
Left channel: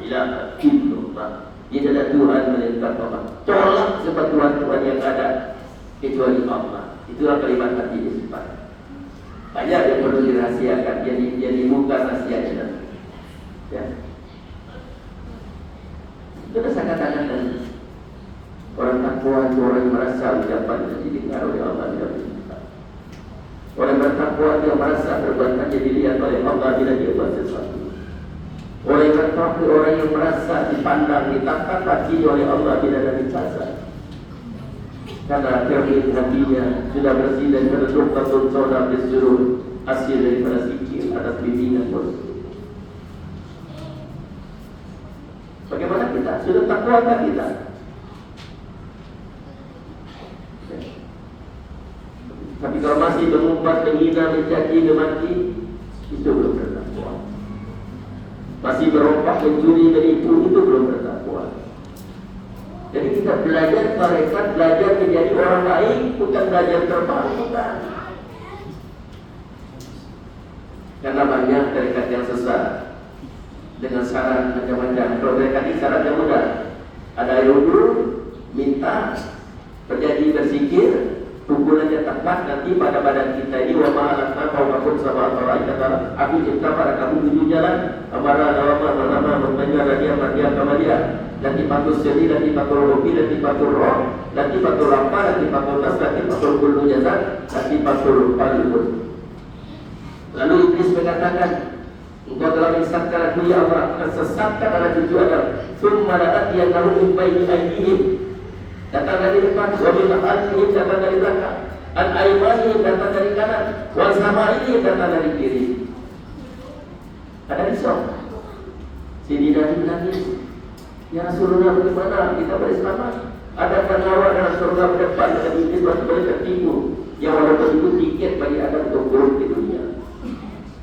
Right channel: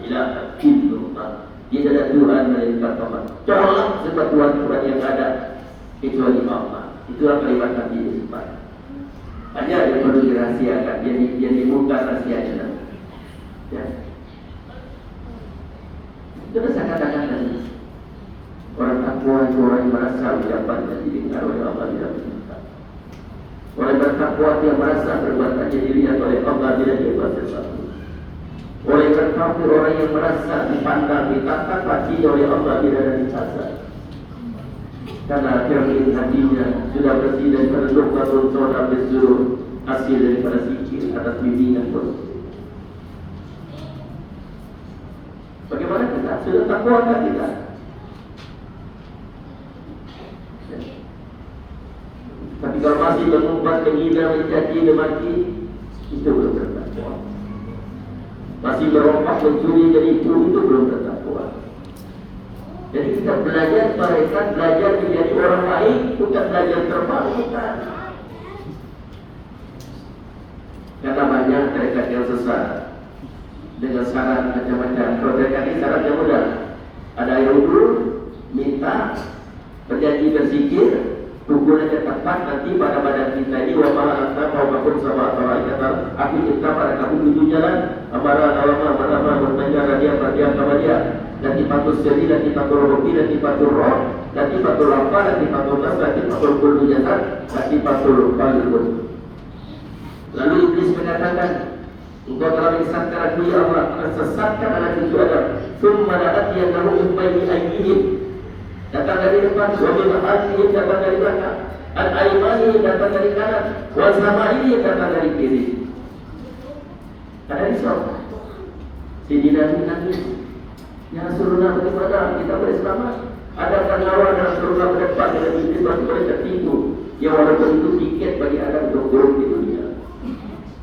ilaha illallah. Tidak ada Tuhan melainkan Allah. Tolak sebab Tuhan yang ada kecuali Allah. Itulah kalimat hati ini sebab. Banyak yang perlu dirahasiakan, yang dibuka rahasianya. Ya. Itu dah saya katakan tadi. Orang takwa itu orang yang merasa mendapat dan didengar oleh Allah tidak bisa. Orang bertakwa dia merasa perbuatan jadi dilihat oleh Allah bila dia buat sesuatu. Orang bertakwa orang yang merasa dipandang, ditatap hati oleh Allah bila ada dicaca. Karena akhirnya hatinya sudah bersih dan tertutup kabul seorang disuruh hasil daripada zikir atas bimbingan bos. sudah takwakah kita? Ya. Tapi kalau masih mengumpat, menghina, mencaci, memaki, itu belum bertakwa. Masih merompak, mencuri, menipu, itu belum bertakwa. Jadi kita belajar mereka, belajar menjadi orang baik, bukan belajar terbaik. Karena banyak tarekat yang sesat dengan syarat macam-macam. Kalau mereka ini syaratnya mudah. Ada yang wudhu, minta, berjanji berzikir, pukulannya tepat nanti pada badan kita ini. Wa ma'alakna qawmakum sama Allah kata, aku cinta pada kamu tujuh jalan. Amarah alama mendengar dia terdiam sama dia. Dan tipatul seri, dan tipatul hobi, dan tipatul roh, dan tipatul lapar, dan tipatul nas, dan tipatul kullu jazad, dan tipatul balibun. Lalu Iblis mengatakan, engkau telah menyesatkan aku ya Allah, sesatkan anak cucu Adam. Summa la'atiyannahum min bayni aydihim, datang dari depan, wa min khalfihim, datang dari belakang, an aymanihim, datang dari kanan, wa samaihim, datang dari kiri. Ada risau. Sidina nangis. Ya Rasulullah, bagaimana kita bersama? Adakah lawan Rasulullah berdepan dengan Iblis dan mereka tertipu? Ya walaupun itu tiket bagi Adam untuk turun di dunia.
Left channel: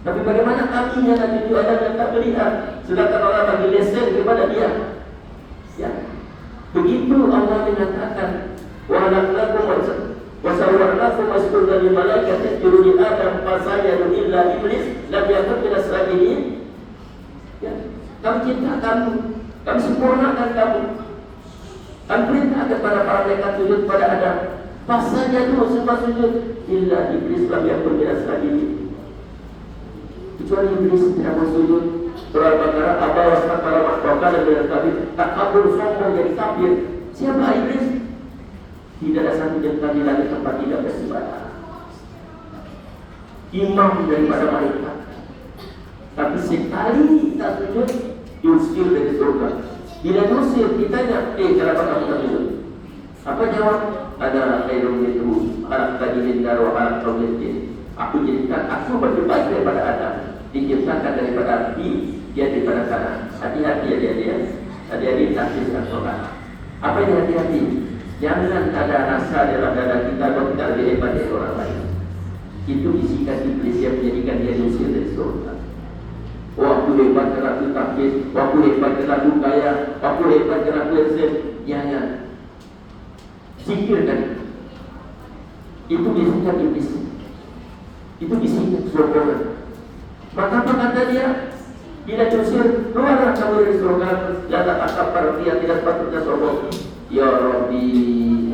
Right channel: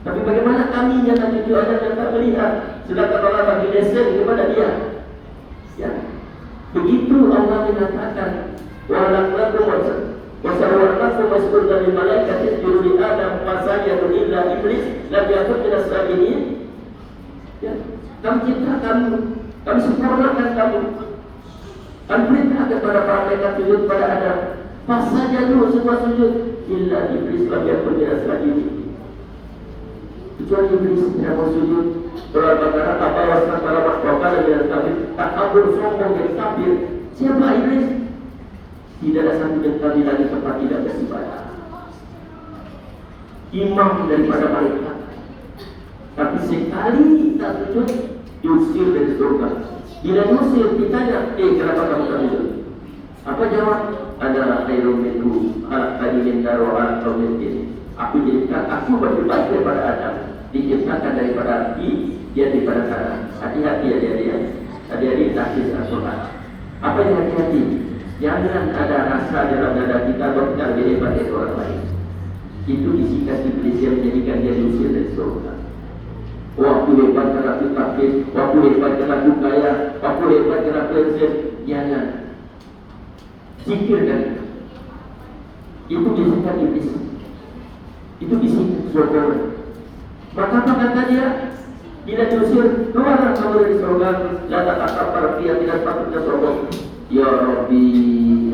Tapi bagaimana kami yang cucu Adam yang tak melihat, sedangkan Allah bagi lesen kepada dia? Ya, begitu Allah mengatakan, wa halaqnakum wa sawwarnakum wasbunna lil malaikati isjudu li Adam fasajadu illa iblis lam yakun minas sajidin. Ya, kami cipta kamu, kami sempurnakan kamu. Kami perintahkan kepada para malaikat sujud pada Adam. Fasajadu, semua sujud illa iblis lam yakun minas sajidin. Kecuali Iblis tidak mau sujud. Surah Al-Baqarah, apa wasna para makhluk dan kami tak kabur sombong jadi kafir. Siapa Iblis? Tidak ada satu jengkal di langit tempat tidak beribadah. Imam daripada malaikat. Tapi sekali tak sujud, diusir dari surga. Bila diusir, ditanya, kenapa kamu tak sujud? Apa jawab? Ada ilmu itu, anak tadi mendaro anak komitin. Aku jadikan aku lebih baik daripada Adam, diciptakan daripada api, dia daripada kanan. Hati-hati dia. Hati-hati taksis Al-Quran. Apa yang hati-hati? Jangan ada rasa dalam dada kita bahwa kita lebih hebat dari orang lain. Itu bisikan Iblis yang menjadikan dia diusir dari surga. Waktu hebat kerana aku taksis, waktu hebat kerana aku kaya, waktu hebat kerana aku eksis. Jangan. Sikirkan. Itu bisikan Iblis. Itu isi surga. Maka apa kata dia? Bila diusir, keluarlah kamu dari surga. Dan tak akar dia tidak patutnya sombong. Ya Rabbi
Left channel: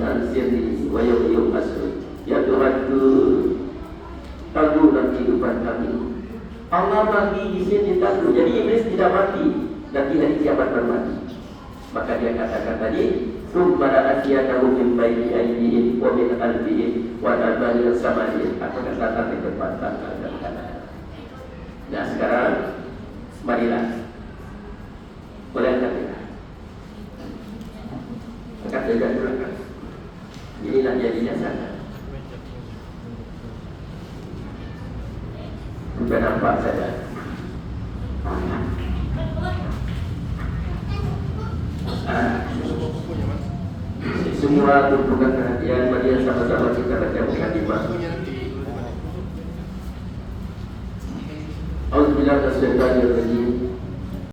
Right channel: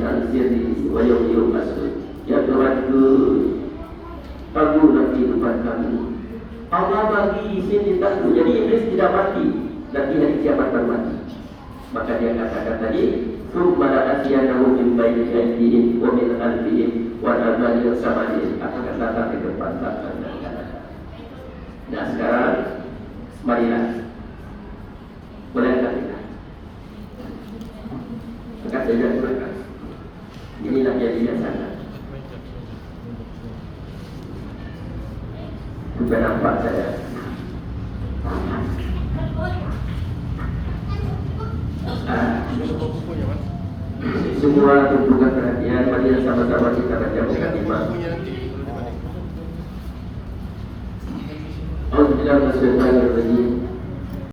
ansirni wa yawmi asri. Ya Tuhanku, taburlah kehidupan kami. Allah bagi izin ditaku. Jadi Iblis tidak mati. Dan di hari kiamat mati. Maka dia katakan tadi, Summa la'atiyannahum min bayni aydihim wa min khalfihim wa an aymanihim sama'ihim. Akan datang di depan belakang dan kanan. Nah sekarang marilah berangkat kita. Dekat saja di belakang. Inilah jadinya sana. Sudah nampak saya. Semua tumpukan perhatian, mari sama-sama kita baca.